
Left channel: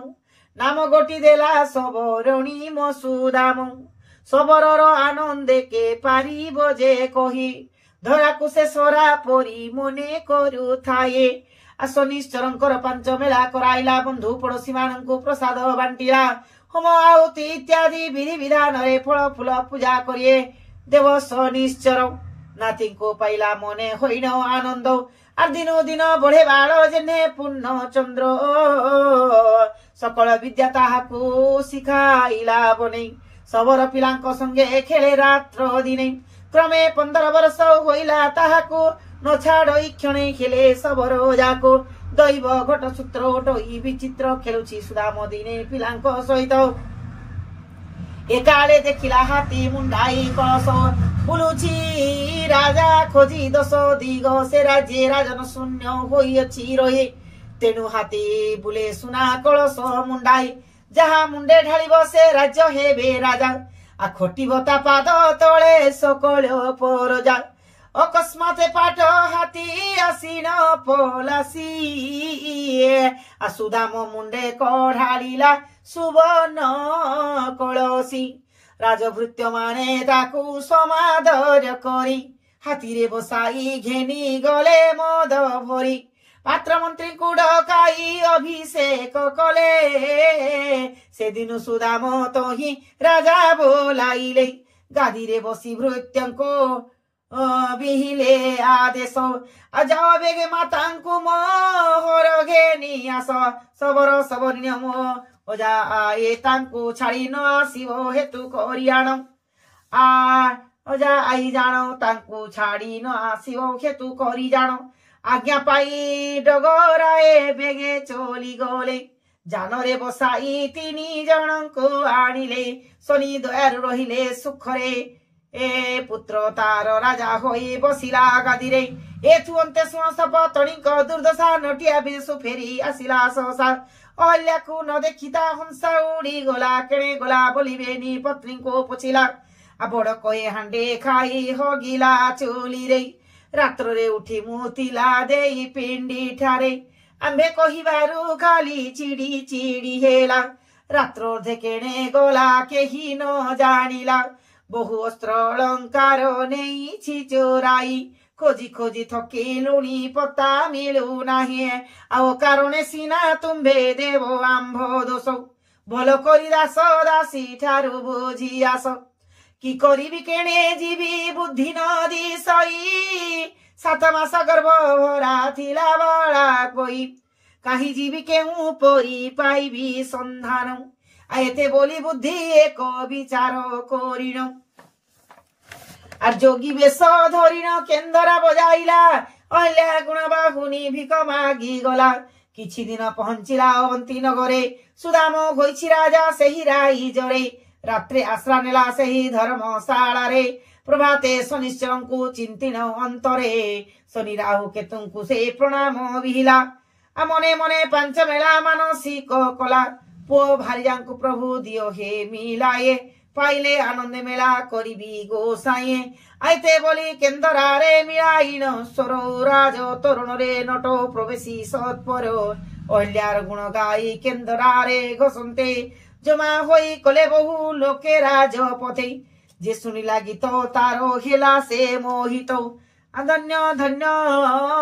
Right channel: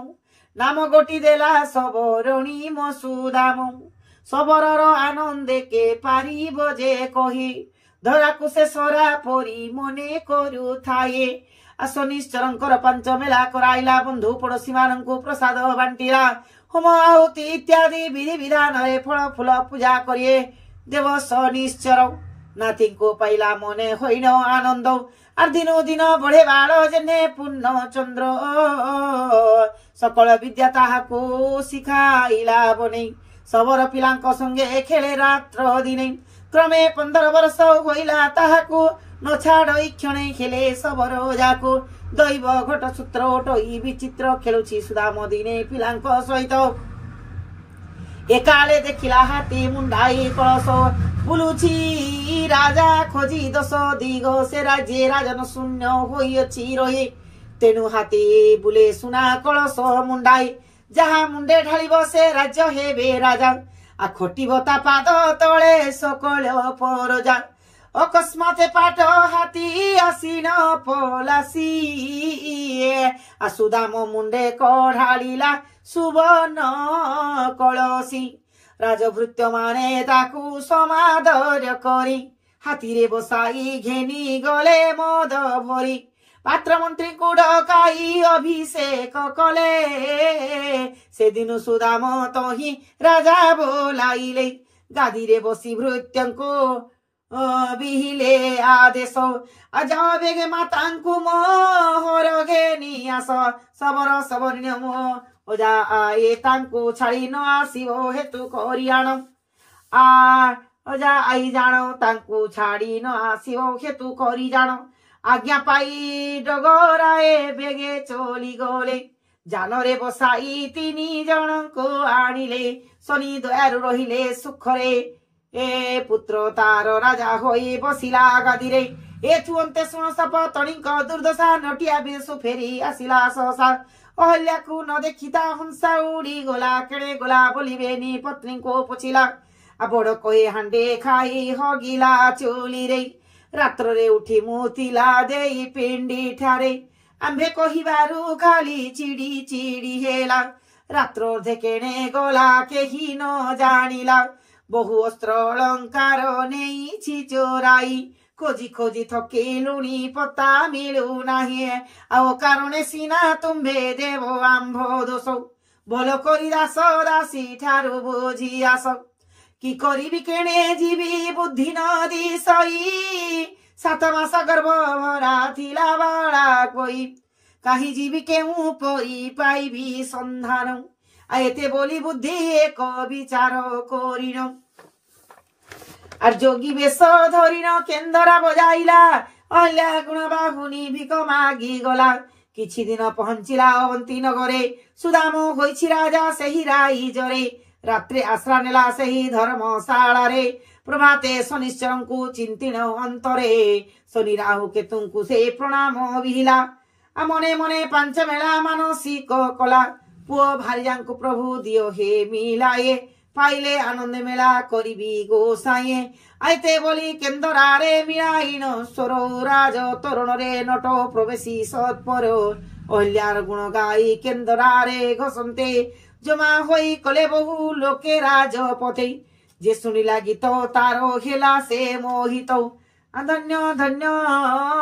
ନାମ ଗୋଟି ଦେଲା ସବରଣୀ ମସୁଦାମ ସବରର ଆନନ୍ଦେ କେ ପାରିବ ଯେ କହି ଧରାକୁ ସେ ସରା ପରି ମନେ କରୁଥାଏ। ଶନିଶ୍ଚରଙ୍କର 5 ମେଳା କରାଇଲା ବନ୍ଧୁ ପଡୋଶୀ ମାନଙ୍କୁ ପ୍ରସାଦ ବାଣ୍ଟିଲା ହୋମ ଆହୁତି ଇତ୍ୟାଦି ବିଧି ବିଧାନରେ ଫଳ ଫୁଲ ପୂଜା କରିଏ ଦେବ ଶନିଶ୍ଚର ନାତିଙ୍କୁ ପାଇଲା ମନେ ହୋଇନ ଆନନ୍ଦ আর দিন দিন বড়ে বাଳ জেনে ପୂର୍ଣ୍ଣ ଚନ୍ଦ୍ର ସକଳ ବିଦ୍ୟା ତାହାକୁ ଶିଖାଇଲା ବନେଇ ସବର ପିଲାଙ୍କ ସଙ୍ଗେ ଖେଳେ ରାତ୍ର ଦିନେ କ୍ରମେ 15 ବର୍ଷ ହୋଇଲା ତାହାକୁ ନ ଛାଡଇ କ୍ଷଣେ ଖେଳେ ସବର ଯାକୁ ଦୈବ ଘଟ ସୂତ୍ର ଡଇ ବିଚିତ୍ର ଖେଳୁଛି ସୁଦାମ ଦିନେ ପିଲାଙ୍କ ସହିତ ଏକାଳେ ଦେଖିଲା ହାତୀ ମୁଣ୍ଡାଇ କଳସ ବୁଲୁଛି ରାଜା ଖୋଜି 10 ଦିଗ ସେ ରାଜ୍ୟ ରାଜନ ଶୂନ୍ୟ ହୋଇଅଛି ରହି ତେଣୁ ହାତୀ ବୁଲେ ସୁନା କଳସ ମୁଣ୍ଡାଇ ଯାହା ମୁଣ୍ଡେ ଢାଳିବ ସେ ରାଜ୍ୟ ହେବେ ରାଜା ଖଟିବ ତା ପାଦ ତଳେ ସକଳ ପରଜା ଅକସ୍ମାତ ପାଟ ହାତୀ ଆସିନ ପଲାସି ସୁଦାମ ମୁଣ୍ଡେ କଢାଳିଲା ସୁବର୍ଣ୍ଣ କଳସୀ ରାଜଭୃତ୍ୟ ମାନେ ତାକୁ ସମାଦର କରି ହାତୀରେ ବସାଇ ଘେନି ଗଲେ ମଦ ଭରି ପାତ୍ର ମନ୍ତ୍ରୀଙ୍କୁ ଡକାଇ ଅଭିଷେକ କଲେ ସେଦିନ ସୁଦାମ ତହିଁ ରାଜା ବୋଲାଇଲେ ଗାଦିରେ ବସି ଭୃତ୍ୟଙ୍କୁ ବିହିଲେ ଆଦେଶ ଯାଅ ବେଗେ ମାତାଙ୍କୁ ମୋହର ଘେନି ଆସ ସବର ସବର୍ଣ୍ୟ ଓଜା ଆଏ ତାଙ୍କୁ ଛାଡ଼ି ନ ଆସିବ ହେତୁ କରି ଆଣ ଅଜା ଆଇ ଜାଣ ତାଙ୍କୁ ଛାଡ଼ି ନ ଆସିବ ହେତୁ କରି ଜାଣ ଆଜ୍ଞା ପାଇ ଡଗରାଏ ବେଗେ ଚଲି ଗଲେ ଜାନରେ ବସାଇ 3 ଜଣଙ୍କୁ ଆଣିଲେ ଶନି ଦୟାରୁ ରହିଲେ ସୁଖରେ ଏ ପୁତ୍ର ତାର ରାଜା ହୋଇ ବସିଲା ଗାଦିରେ ଏଥୁ ଅନ୍ତେ ଶୁଣ ସପତଣୀଙ୍କ ଦୁର୍ଦ୍ଦଶା ନଟିଆ ବେଶ ଫେରି ଆସିଲା ସହସା ଅହଲ୍ୟାକୁ ନ ଦେଖି ତା ହଂସା ଉଡ଼ି ଗଲା କେଣେ ଗଲା ବୋଲିବେନି ପତ୍ନୀଙ୍କୁ ପୋଛିଲା ବଡ଼ କହେ ହାଣ୍ଡେ ଖାଇ ହଗିଲା ଚୁଲିରେ ରାତ୍ରରେ ଉଠି ମୁତିଲା ଦେଇ ପିଣ୍ଡି ଠାରେ ଆମ୍ଭେ କହିବାରୁ ଖାଲି ଚିଡ଼ି ଚିଡ଼ି ହେଲା ରାତ୍ର ଅଧେ କେଣେ ଗଲା କେହି ନ ଜାଣିଲା ବହୁ ଅସ୍ତ୍ର ଅଳଙ୍କାର ନେଇଛି ଚୋରାଇ ଖୋଜି ଖୋଜି ଥକିଲୁଣି ପତା ମିଳୁନାହିଁ ଆଉ କାରଣେ ସିନା ତୁମ୍ଭେ ଦେବ ଆମ୍ଭ ଦୋଷ ଭଲ କରି ଦାସ ଦାସୀ ଠାରୁ ବୁଝି ଆସ କି କରିବି କେଣେ ଯିବି ବୁଦ୍ଧି ନ ଦିଶଇ 7 ମାସ ଗର୍ଭ ଭରା ଥିଲା ବାଳା କଇ କାହିଁ ଯିବି କେଉଁ ପରି ପାଇବି ସନ୍ଧାନ এতে বলি বুদ্ধি এক বিচার করিন আর যোগী বেশ ধরিন কেন্দরা বজাইলা অহল্যা গুণ বাহুনি ভিক মাগি গলা কিছু দিন পৌঁছিলা অবন্তী নগরে সুদাম হয়েছি রাজা সেই রাইজরে রাত্রে আশ্রা নেলা সেই ধর্মশালারে প্রভাতে শনিশ্চরଙ୍କୁ চিন্তিন অন্তরে শনি রাহু কেতুଙ୍କୁ ସେ ପ୍ରଣାମ ବିହିଲା মনে মনে ପାଞ୍ଚ মেলা ମାନସିକ କଲା পুଅ ଭାରିଜାଙ୍କୁ ପ୍ରଭୁ ଦିଅ ହେ ମିଲାଏ ପାଇଲେ ଆନନ୍ଦ ମେଳା କରିବି ଗୋସାଇଏ ଆଇତେ ବୋଲି କେନ୍ଦରାରେ ମିଳାଇନ ସ୍ୱର ରାଜ ତୋରଣରେ ନଟ ପ୍ରବେଶୀ ସତ୍ପର ଅହଲ୍ୟାର ଗୁଣ ଗାଇ କେନ୍ଦରାରେ ଘସନ୍ତେ ଜମା ହୋଇ କଲେ ବହୁ ଲୋକେ ରାଜପଥେ ଯେ ଶୁଣିଲା ଗୀତ ତାର ହେଲା ସେ ମୋହିତ ଧନ୍ୟ ଧନ୍ୟ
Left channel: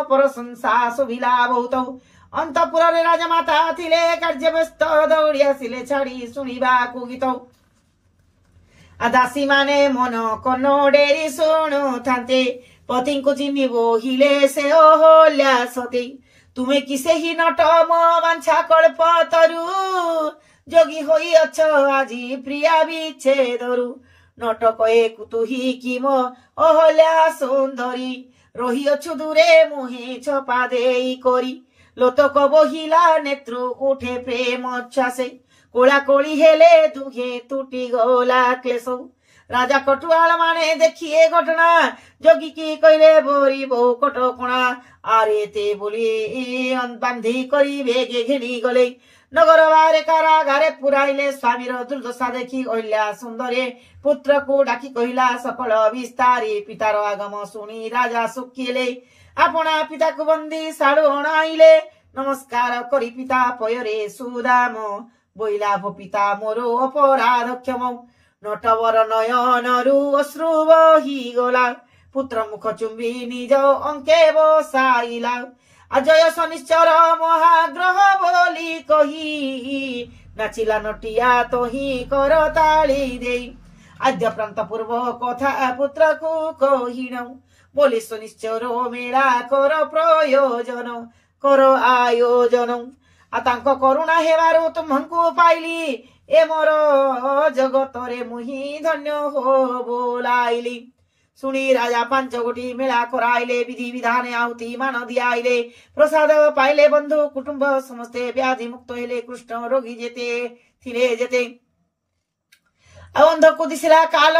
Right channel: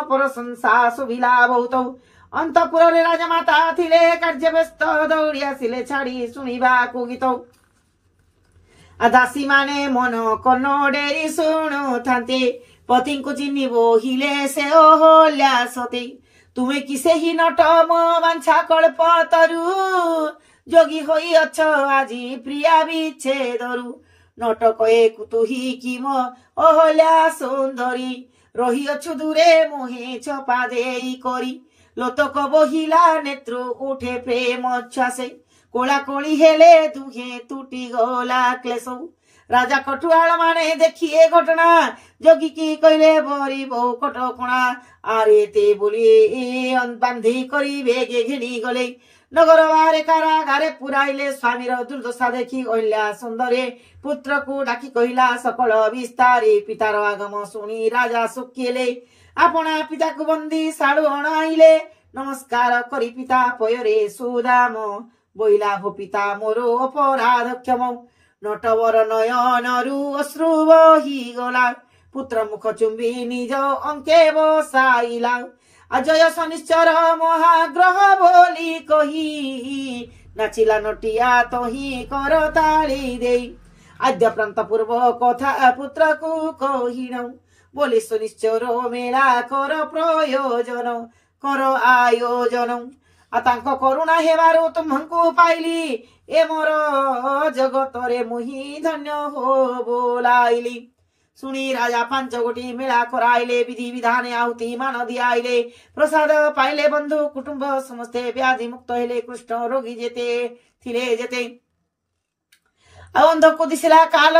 ପ୍ରଶଂସା ଶୁଭିଲା ବହୁତ ଅନ୍ତପୁରରେ ରାଜମାତା ଥିଲେ କାର୍ଯ୍ୟ ବ୍ୟସ୍ତ ଦୌଡ଼ି ଆସିଲେ ଛାଡ଼ି ଶୁଣିବାକୁ ଗୀତ ଦାସୀ ମାନେ ମନ କନ ଡେରି ଶୁଣୁଥାନ୍ତେ ପତିଙ୍କୁ ଚିହ୍ନି ବୋହିଲେ ସେ ଅହଲ୍ୟା ସତେ ତୁମେ କି ସେହି ନଟ ମୋ ବାଞ୍ଛା କଳ୍ପ ତରୁ ଯୋଗୀ ହୋଇ ଅଛ ଆଜି ପ୍ରିୟା ବିଚ୍ଛେଦରୁ ନଟ କହେ କୁତୁହି କି ମୋ ଅହଲ୍ୟା ସୁନ୍ଦରୀ ରହିଅଛୁ ଦୂରେ ମୁହେଁ ଛପା ଦେଇ କରି লোতক বহিলা নেত্র উঠে প্রেম চাষে কোলা কোলি হেলে দুহে তুটি গলা ক্লেশ রাজা কটুয়াল মানে দেখিয়ে ঘটনা যোগী কি কইলে বরি বহু কটকণা আরে তে বলি বান্ধি করি বেগে ঘেলি গলে নগর বারে কারাগারে পুরাইলে স্বামীর দুর্দশা দেখি অহল্যা সুন্দরে পুত্রକୁ ডাকি কহিলা সকল বিস্তারে পিতার আগম শুনি রাজা শুকিলে আপনা পিতাକୁ বন্দী ଶାଳୁ ଅଣାଇଲେ ନମସ୍କାର କରି ପିତା ପୟରେ ସୁଦାମ ବୋଇଲା ଭୋ ପିତା ମୋର ଅପରାଧ କ୍ଷମ ନଟବର ନୟନରୁ ଅଶ୍ରୁ ବହିଗଲା ପୁତ୍ର ମୁଖ ଚୁମ୍ବି ନିଜ ଅଙ୍କେ ବସାଇଲା ଅଜୟ ଶନିଶ୍ଚର ମହାଗ୍ରହ ବୋଲି କହି ନାଚିଲା ନଟିଆ ତହିଁ କର ତାଳି ଦେଇ ଆଦ୍ୟ ପ୍ରାନ୍ତ ପୂର୍ବ କଥା ପୁତ୍ରକୁ କହିଣ बोले सुनिश्चर मेला कर प्रयोजन कर आयोजन आतांक करुणा हेबारो तुमको पाइली ए मोर जगत रे मुही धन्य हो बोलाइली सुनी राजा 5 गोटी मेला कराइले विधि विधान आहुति मान दियाइले प्रसाद पाइले बंधु कुटुंब समस्ते व्याधि मुक्त हेले कृष्ण रोगी जेते थिले जेते ଅନ୍ଧକୁ ଦିଶିଲା କାଲ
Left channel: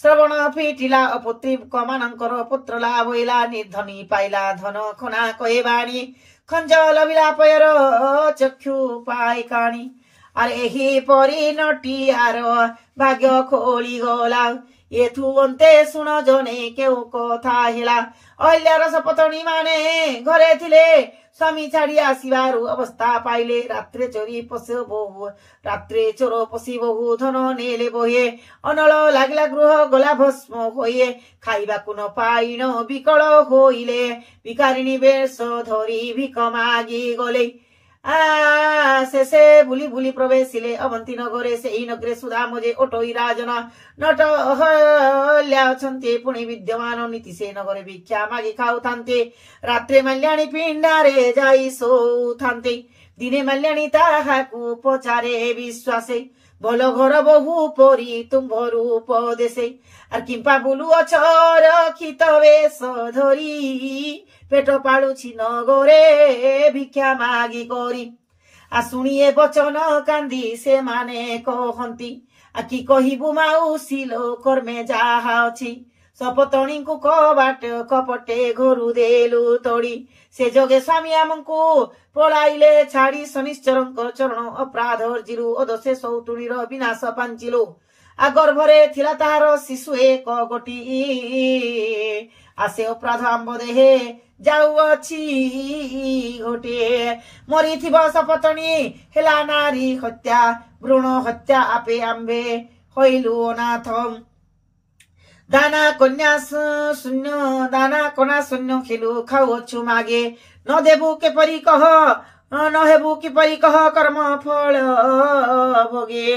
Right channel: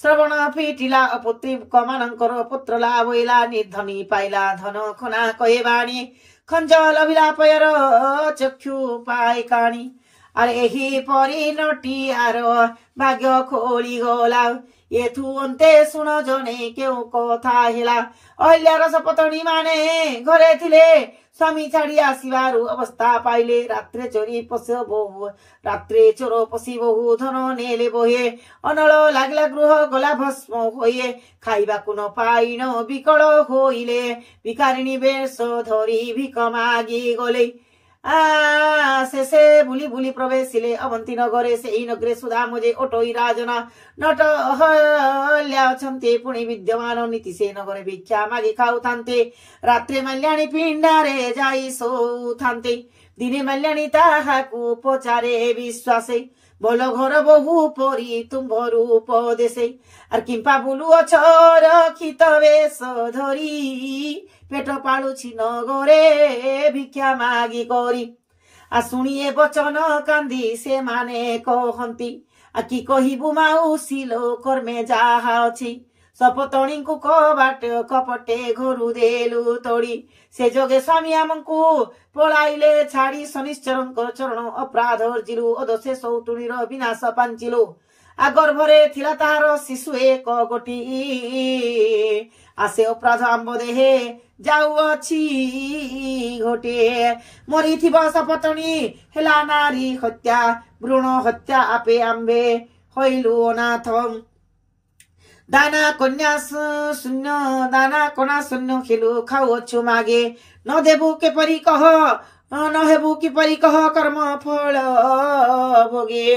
ଶ୍ରବଣ ଫିଟିଲା ଅପୁତ୍ରୀ କମାନଙ୍କର ପୁତ୍ର ଲାଭ ହୋଇଲା ନିର୍ଧନୀ ପାଇଲା ଧନ ଖନା କହେ ବାଣୀ ଖଞ୍ଜ ଲଭିଲା ପୟର ଚକ୍ଷୁ ପାଇ କାଣି ଆରେ ଏହି ପରି ନଟିଆର ଭାଗ୍ୟ ଖୋଳି ଗଲା ଏଥୁ ଅନ୍ତେ ଶୁଣ ଜଣେ କେଉଁ କଥା ହେଲା ଅହଲ୍ୟାର ସପତଣୀ ମାନେ ଘରେ ଥିଲେ ସ୍ୱାମୀ ଛାଡ଼ି ଆସିବାରୁ ଅବସ୍ଥା ପାଇଲେ ରାତ୍ରେ ଚୋରି ପଶି ବହୁ ରାତ୍ରେ ଚୋର ପଶି ବହୁ ଧନ ନେଲେ ବହେ ଅନଳ ଲାଗିଲା ଗୃହ ଗଲା ଭସ୍ମ ହୋଇ ଖାଇବାକୁ ନ ପାଇନ ବିକଳ ହୋଇଲେ ଭିକାରିଣୀ ବେଶ ଧରି ଭିକ ମାଗି ଗଲେ ଶେଷେ ବୁଲି ବୁଲି ପ୍ରବେଶିଲେ ଅବନ୍ତୀ ନଗରେ ସେହି ନଗରେ ସୁଦାମ ଯେ ଓଟୋଇ ରାଜନ नट अहल्या अछन्ते पुणी विद्यमान नीति से नगरे भिक्षा मागी खाउथान्ते रात्रे माल्याणी पिण्डारे जाई शोउथान्ते दिने माल्याणी ताहाकु पचारे विश्वासे बोलो घर बहु परी तुम्भ रूप देशे আর কিম্পা বুলু অছর খিত বেশ ধরি পেট পালুছি নগরে ভিক্ষা মাগি করি আর শুনিয়ে বচন কান্দি সে মানে কহন্তি আর কি কহিবু মাউসী কর্মে যাহা ଅଛି ସପତଣୀଙ୍କୁ କବାଟ କପଟେ ଘରୁ ଦେଲୁ ତୋଡ଼ି ସେ ଯୋଗେ ସ୍ୱାମୀ ଆମକୁ ପଳାଇଲେ ଛାଡ଼ି ଶନିଶ୍ଚରଙ୍କ ଚରଣ ଅପରାଧ ଅର୍ଜିଲୁ ଅଦୋଷେ ସୌତୁଣୀର ବିନାଶ ପାଞ୍ଚିଲୁ आ गर्भरे थिला ताहार शिशु एक गोटी आसे अपराध आंब देहे जाउअछि घोटे मरिथिबा सपतणी हेला नारी हत्या भ्रूण हत्या आपे आंबे होइलु अनाथ दाना कन्या शून्य खेलु खाउअछु मागे न देबु के परी कह न हेबु किपरि कह कर्म फल भोगे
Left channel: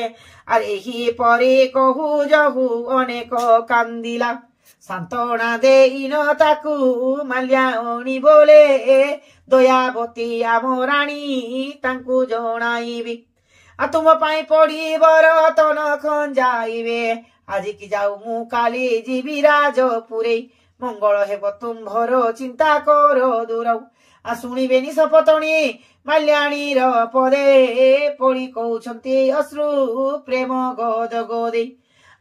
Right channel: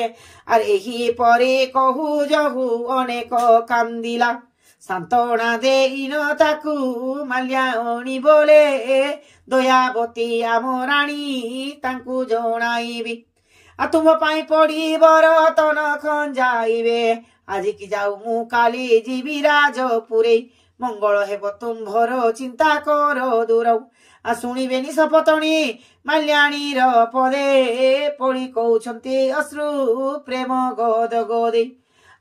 आर एही परे कहू जहू अनेक कांदिला सांत्वना देइन ताकू माल्याणी बोले दयावती आम राणी तांकू जणाइबी आ तुम पाई पड़ी बरतन खंजाइबे आज की जाऊ मु काली जीवी राजपुरे मंगल हेब तुम्भर चिंता करो दूर आ शुणिबेनी सपतणी माल्याणीर पदे पड़ी कौछन्ति अश्रु प्रेम गोद गोदे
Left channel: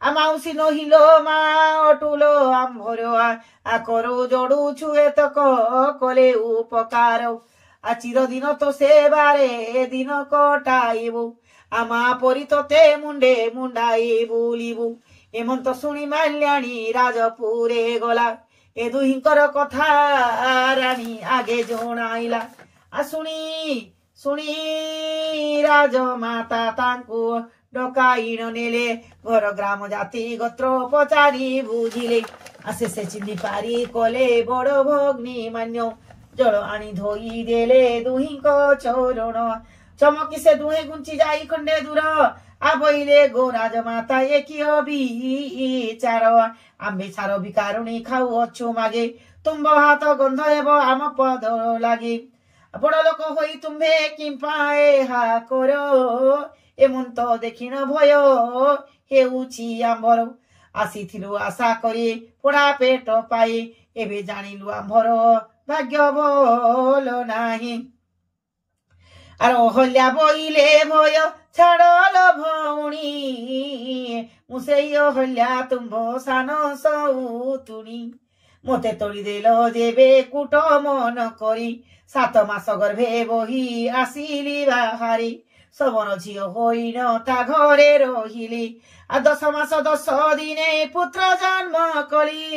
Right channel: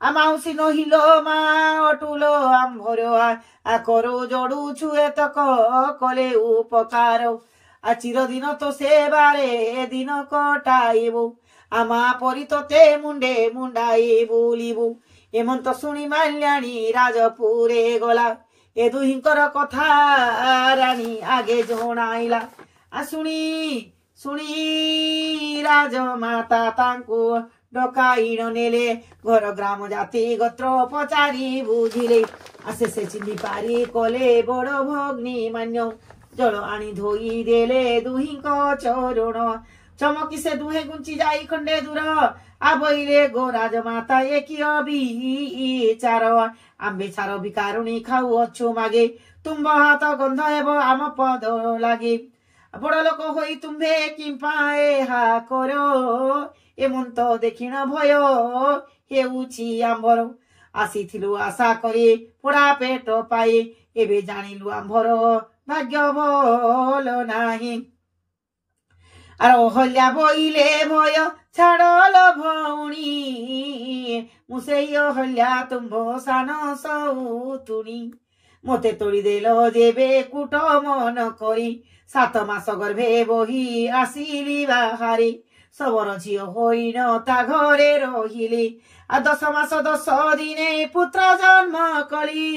आ माउसी नहिलो मा अटुलो आंभर आ करो जोड़ू छुएतक कले उपकार आ चिरदिन तो सेवारे दिन कटाइबु आ मा परी तोते मुंडे मुंडाई बुलिबु एमंत शुणी माल्याणी राजपुरे गला ए दुहिंकर कथा रानी आगे जणाइला आ शुणी राजमाता तांको डकाइण नेले घर ग्राम जाति गोत्र पचारि बुझिले आसे से चिंदी पारी कले बड़ भग्नी मान्य जल आनी धोई देले दुहिंक चरण चमकी से दुहे गुंची जाई खंडे दूर आबइले गो राजमाता एकी अविचार आंबे छार विकारुणी खाऊ अच्छु मागे तुम्भ हाथ गंध हेब आम पद लागे बड़ लोक होई तुम्भे किंपा एहा करो एमंत देखिण भय हेउछि आंभर आसीथिलु आशा करी पोड़ा पेट पाई एबे जानिलु आंभर भाग्य भल नाही आर अहल्या बइले भय छाड़ल भौणी मुसेई अहल्या तुम्भ सान सौतुणी मते तोड़ी देल जेबे कूट मन करी 7 मास गर्भे बही आसिली बाहारी सबर झियो होइन ता घरे रहिली आ 10 मास 10 दिने पुत्र जन्म कली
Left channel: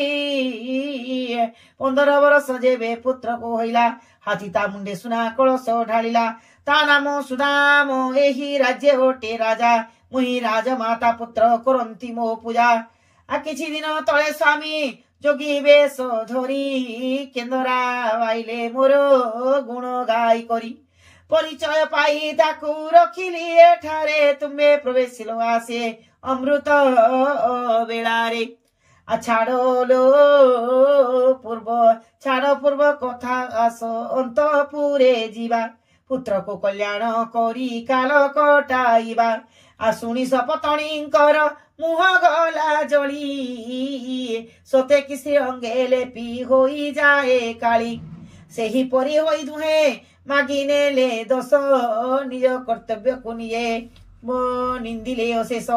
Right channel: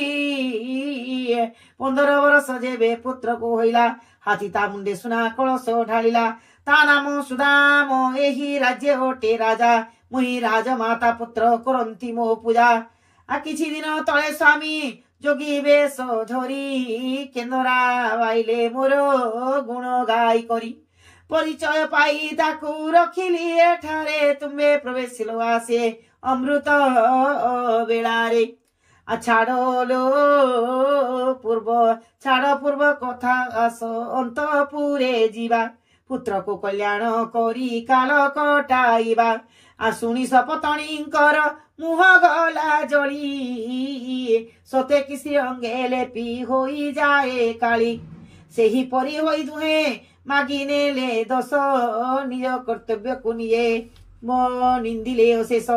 15 वर्ष जेबे पुत्र को होइला हाथी ता मुंडे सुना कलश ढालिला ता नाम सुदाम एही राज्य ओटे राजा मुही राजमाता पुत्र करंती मो पूजा आ किछि दिन तळे स्वामी जोगी बेश धरी केंदरा वाइले मोर गुण गाई करी परिचय पाई ताकू रखिली एठारे तुम्बे प्रवेशिलो आसे अमृत बेलारे आ छाड़ो पूर्व कथा आस अंतपुरे जीवा पुत्र को कल्याण करी काल कटाइबा आ शुणी सपतणींकर मुह गला जली सते किसी अंगे लेपी होई जाए काली सेही परी होई दुहे मागी नेले दस निज कर्तव्य को निये मो निंदिले अशेष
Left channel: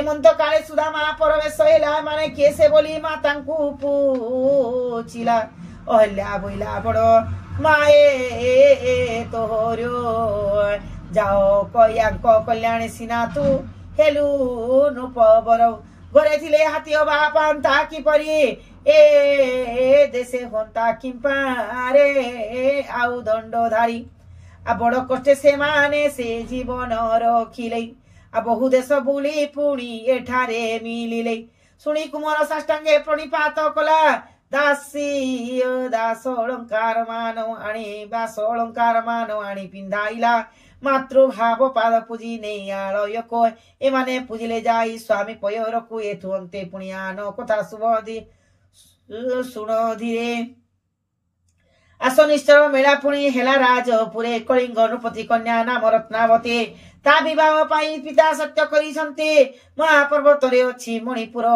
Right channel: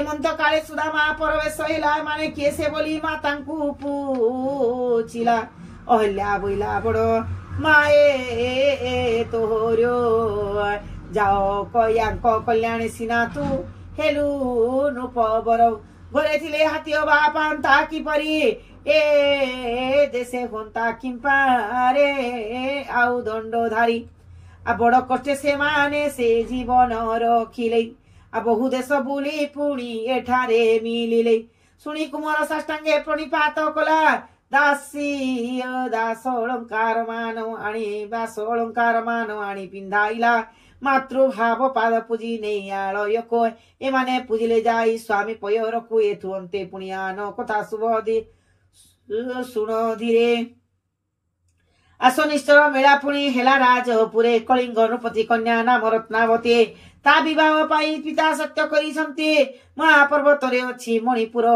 एमंत काले सुदामा परवेश हेला माने केसे बोली मातांकु पूछिला अहल्या बोइला बड़ माए तोहरो जाओ कयांक कल्याण सिना तू हेलु नुपबर घरे थिले हाथी बापांता किपरि ए देशे होंता किंपारे आउ दंडधारी आ बड़ कष्टे से माने से जीवन रखिले आ बहु देश बुली पुणी एठारे मिलिले शुणी कुमार साष्टांगे प्रणिपात कला दास अलंकार मान आनी पिंधाइला ମାତୃଭାବ ପାଦ ପୂଜି ନେଇ ଆଳୟ କହ ଏମାନେ ପୂଜିଲେ ଯାଇ ସ୍ୱାମୀ ପୟରକୁ ଏଠୁ ଅନ୍ତେ ପୁଣି ଆନ କଥା ଶୁଭ ଶୁଣ ଧୀରେ ଆସ ନିଶ୍ଚୟ ମେଳା ପୁଣି ହେଲା ରାଜପୁରେ କଳିଙ୍ଗ ନୃପତି କନ୍ୟା ନାମ ରତ୍ନାବତୀ ତା ବିବାହ ପାଇଁ ପିତା ସତ୍ୟ କରିଛନ୍ତି ମହାପର୍ବତରେ ଅଛି ମଣିପୁର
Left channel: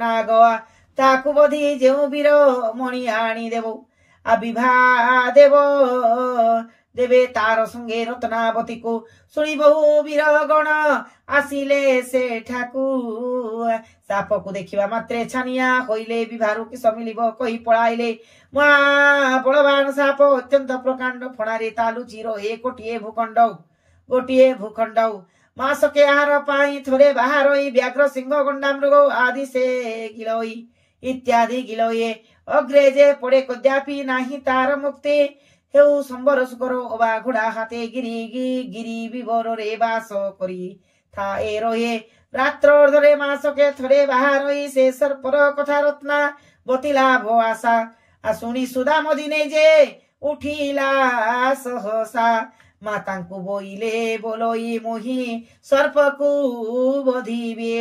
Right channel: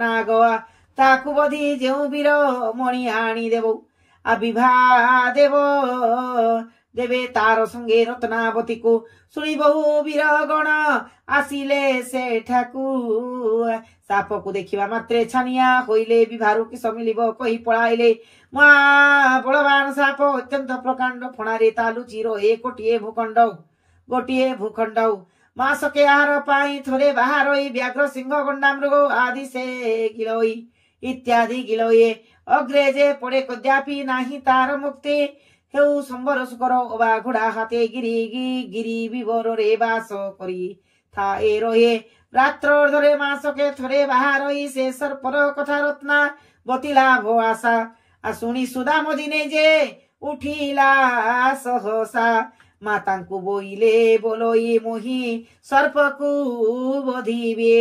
ନାଗଆ ତାକୁ ବଧି ଯେଉଁ ବୀର ମଣି ଆଣି ଦେବ ବିବାହ ଦେବେ ତାର ସଙ୍ଗେ ରତ୍ନାବତୀକୁ ଶୁଣି ବହୁ ବୀର ଗଣ ଆସିଲେ ସେଠାକୁ ସାପକୁ ଦେଖିବା ମାତ୍ରେ ଛାନିଆ ହୋଇଲେ ବିବାହରୁ କିସ ମିଳିବ କହି ପଳାଇଲେ ମହାବଳବାନ ସାପ ଅତ୍ୟନ୍ତ ପ୍ରକାଣ୍ଡ ଫଣାରେ ତାଲୁଚି ରହେ ଗୋଟିଏ ଭୂଖଣ୍ଡ ମାସକେ ଆହାର ପାଇଁ ଥରେ ବାହାରଇ ବ୍ୟାଘ୍ର ସିଂହ ଗଣ୍ଡା ମୃଗ ଆଦି ସେ ଗିଳଇ ଇତ୍ୟାଦି ଗିଳଏ ଅଗ୍ରେ ଯେ ପଡେ କଦାପି ନାହିଁ ତାର ମୁକ୍ତି ହେଉ ସମ୍ବର ଶୁକର ଅବା ଘୋଡା ହାତେ ଗିରି ବିବରରେ ବାସ କରି ଥାଏ ରହେ ରାତ୍ର ଅର୍ଦ୍ଧରେ ମାସକେ ଥରେ ବାହାରଇ ସେ ସର୍ପର କଥା ରତ୍ନା ବତିଲା ଭ ଆଶା ଶୁଣି ସୁଦାମ ଦିନେ ଯେ ଉଠିଲା ସହସା ମାତାଙ୍କୁ ବୋଇଲେ ବୋଲଇ ମୁହିଁ ସର୍ପକୁ ବଧିବେ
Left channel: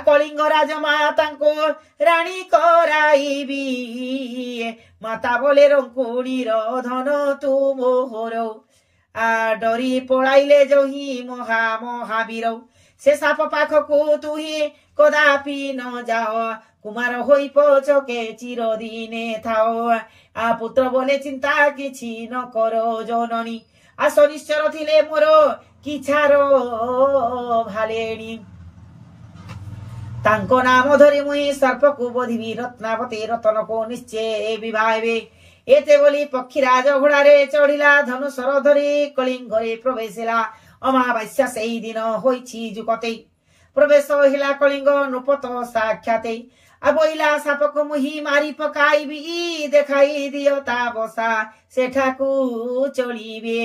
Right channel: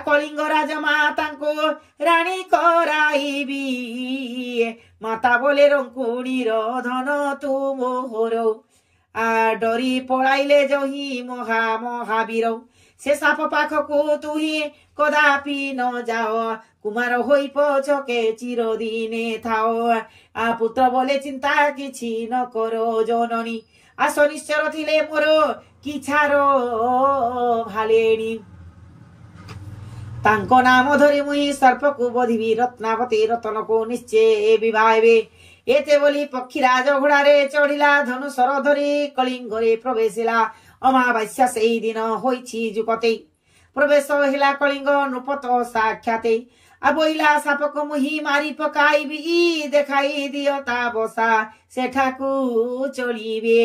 କଳିଙ୍ଗ ରାଜ ମାତାଙ୍କୁ ରାଣୀ କରାଇବି ମାତା ବୋଲେ ରଙ୍କୁଣୀର ଧନ ତୁ ମୋହର ଡରି ପଳାଇଲେ ଜହି ମହାବୀର ସେ ସାପ ପାଖକୁ ତୁହି କଦାପି ନ ଯାଅ କୁମାର ହୋଇ ପଛକେ ଚିରଦିନେ ଥାଅ ପୁତ୍ର ବୋଲେ ଚିନ୍ତା କିଛି ନ କର ଜନନୀ ଆସ ନିଶ୍ଚର ଥିଲେ ମୋର କିଛାର ଭାଲେଣି ତାଙ୍କ ନାମ ଧରି ମୁହିଁ ସର୍ପକୁ ବଧିବି ରତ୍ନାବତୀ ରତନକୁ ନିଶ୍ଚୟ ବିବାହେବେ ଏତେ ବୋଲି ପକ୍ଷୀରାଜ ଘୋଡାରେ ଚଢିଲା ଧନୁସର ଧରି କଳିଙ୍ଗରେ ପ୍ରବେଶ ହେଲା ଅମାବାସ୍ୟା ସେଇ ଦିନ ହୋଇଛି ଯୁପତେ ପ୍ରବେଶ ହେଲା କଳିଙ୍ଗ ନୃପତ ସାକ୍ଷାତେ ବୋଇଲା ସାପକୁ ମୁହିଁ ମାରି ପକାଇବି ଦେଖାଇ ଦିଅ ତା ବସା ସେଠାକୁ ଚଳିବେ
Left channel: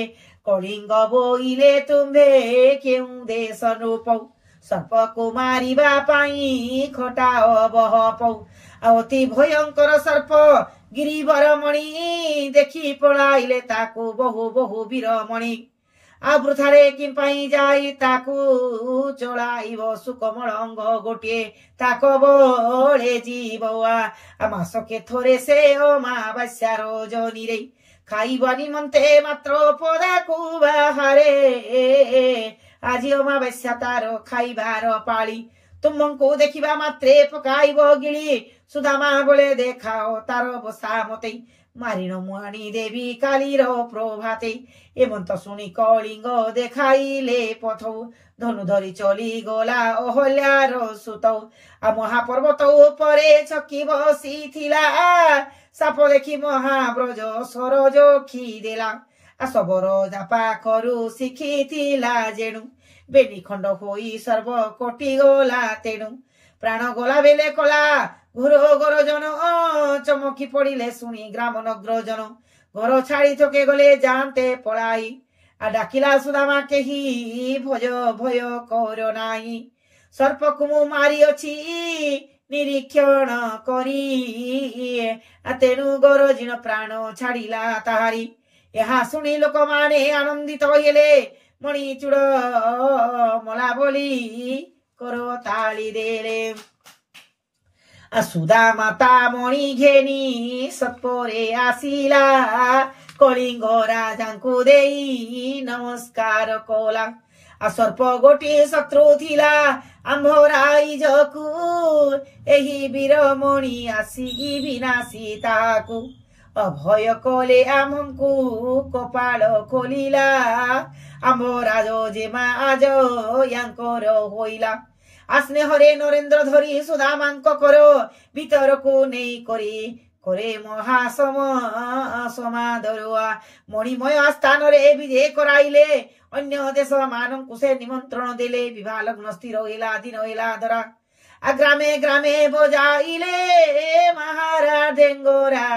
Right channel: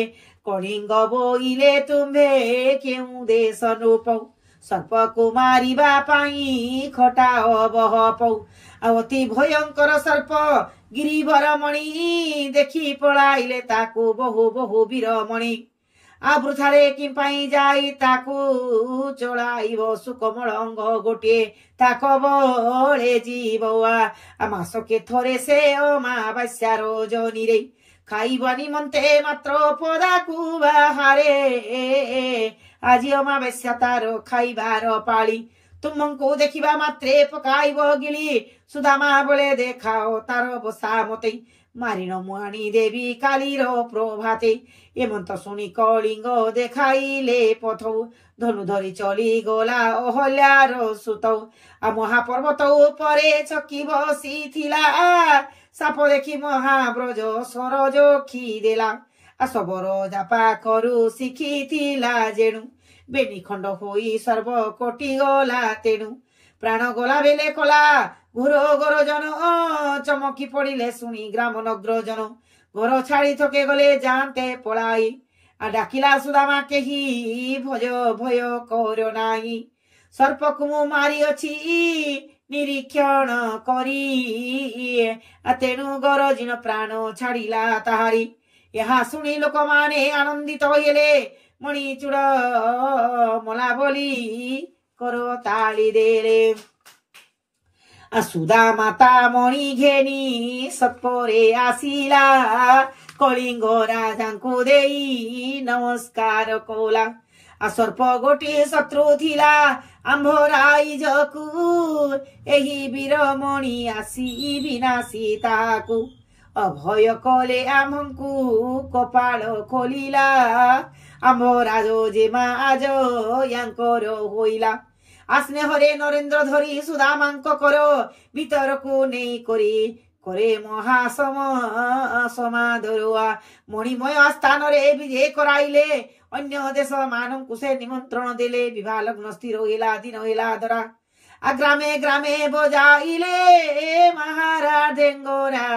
କଳିଙ୍ଗ ବୋଇଲେ ତୁମ୍ଭେ କେଉଁ ଦେଶ ନୃପ ସର୍ପକୁ ମାରିବା ପାଇଁ ଖଟାଅ ବହ ପଉ ଅତି ଭୟଙ୍କର ସର୍ପ ଗିରିବର ମଣି ଦେଖି ପଳାଇଲେ ତାକୁ ବହୁ ବୀରମଣି ବୃଥାରେ କି ପାଇଁ ଯାଇ ତାକୁ ଚଳାଇବ ସୁକମଳଙ୍ଗ ଗୋଟିଏ ତାକ ବଳେ ଯିବ ମାସକେ ଥରେ ସେ ଅମାବାସ୍ୟାର ଜନିରେ ଖାଇବା ନିମନ୍ତେ ମାତ୍ର ପଦାକୁ ବାହାରେ ଆଜି ଅମାବାସ୍ୟା ତାର ଖାଇବାର ପାଳି ତୁମକୁ ଦେଖିବା ମାତ୍ରେ ପକାଇବ ଗିଳି ସୁଦାମା ବୋଲେ ଦେଖାଅ ତାର ବସା ମତେ ମାରିଣ ମୁହାଣୀ ଦେବୀ କାଲିର ପ୍ରଭାତେ ଏମନ୍ତ ଶୁଣି କଳିଙ୍ଗ ଦେଖାଇଲେ ପଥ ଧନୁ ଧରି ଚଲି ଗଲା ଅହଲ୍ୟାର ସୁତ ମହାପର୍ବତ ଉପରେ ଛକି ବସିଥିଲା ସାପ ଦେଖି ମହାବ୍ରଜ ସରୋଜ ଖିଦେଲା ସବର ପାଖରୁ ଶିଖିଥିଲା ଯେଣୁ ବେନି ଖଣ୍ଡ ହୋଇ ସର୍ବ କୋଟି ଗଲା ତେଣୁ ପ୍ରାଣ ଗଲା ବେଲେ କଲା ଘୋର ଗରଜନ ଚମକି ପଡିଲେ ଶୁଣି ଗ୍ରାମ ନଗ୍ର ଜନ ଘର ଛାଡି ଥକେ ଗଲେ ଯାଆନ୍ତେ ପଳାଇ ଡାକିଲା ସୁଦାମା କେହି ଭୟ କର ନାହିଁ ସର୍ପକୁ ମୁଁ ମାରିଅଛି ନିରୀକ୍ଷଣ କରି ତେଣୁ ଗରଜିଣ ପ୍ରାଣ ଛାଡିଲା ତାହାରି ଏହା ଶୁଣି ଲୋକମାନେ ଆନନ୍ଦିତ ହେଲେ ମଣି ଚୂଡ ମଲା ବୋଲି କର ତାଳି ଦେଲେ ସୁଦାମା ତା ମଣି ଘେନି ସତ୍ପରେ ଆସିଲା କଳିଙ୍ଗ ରାଜାଙ୍କୁ ଦେଇ ନମସ୍କାର କଲା ସର୍ପ ଗୋଟିଏ ଶତ୍ରୁ ଥିଲା ଆମ୍ଭରାଇଜକୁ ଏହି ବୀରମଣି ଆସି ବିନାଶୀ ତାହାକୁ ଅଭୟ କଲେ ଆମଙ୍କୁ କପାଳ ଖୋଲିଲା ଆମ୍ଭ ରାଜ ଯେମା ଆଜ ୟାଙ୍କର ହୋଇଲା ସ୍ନେହରେ ନରେନ୍ଦ୍ର ଧରି ସୁଦାମାଙ୍କ କର ଭିତରକୁ ନେଇ করে মহাসমাদরুয়া মণিময় স্থাନରେ বিজে କରାଇଲେ ଅନ୍ୟ ଦେଶ ମାନଙ୍କୁ ସେ ନିମନ୍ତ୍ରଣ ଦେଲେ ବିବାହ ଲଗ୍ନ ସ୍ଥିର ହେଲା ଦିନ ହେଲା ଧରା ଗ୍ରାମେ ଗ୍ରାମେ ବଜାଇଲେ ମହାରାଜେଙ୍ଗରା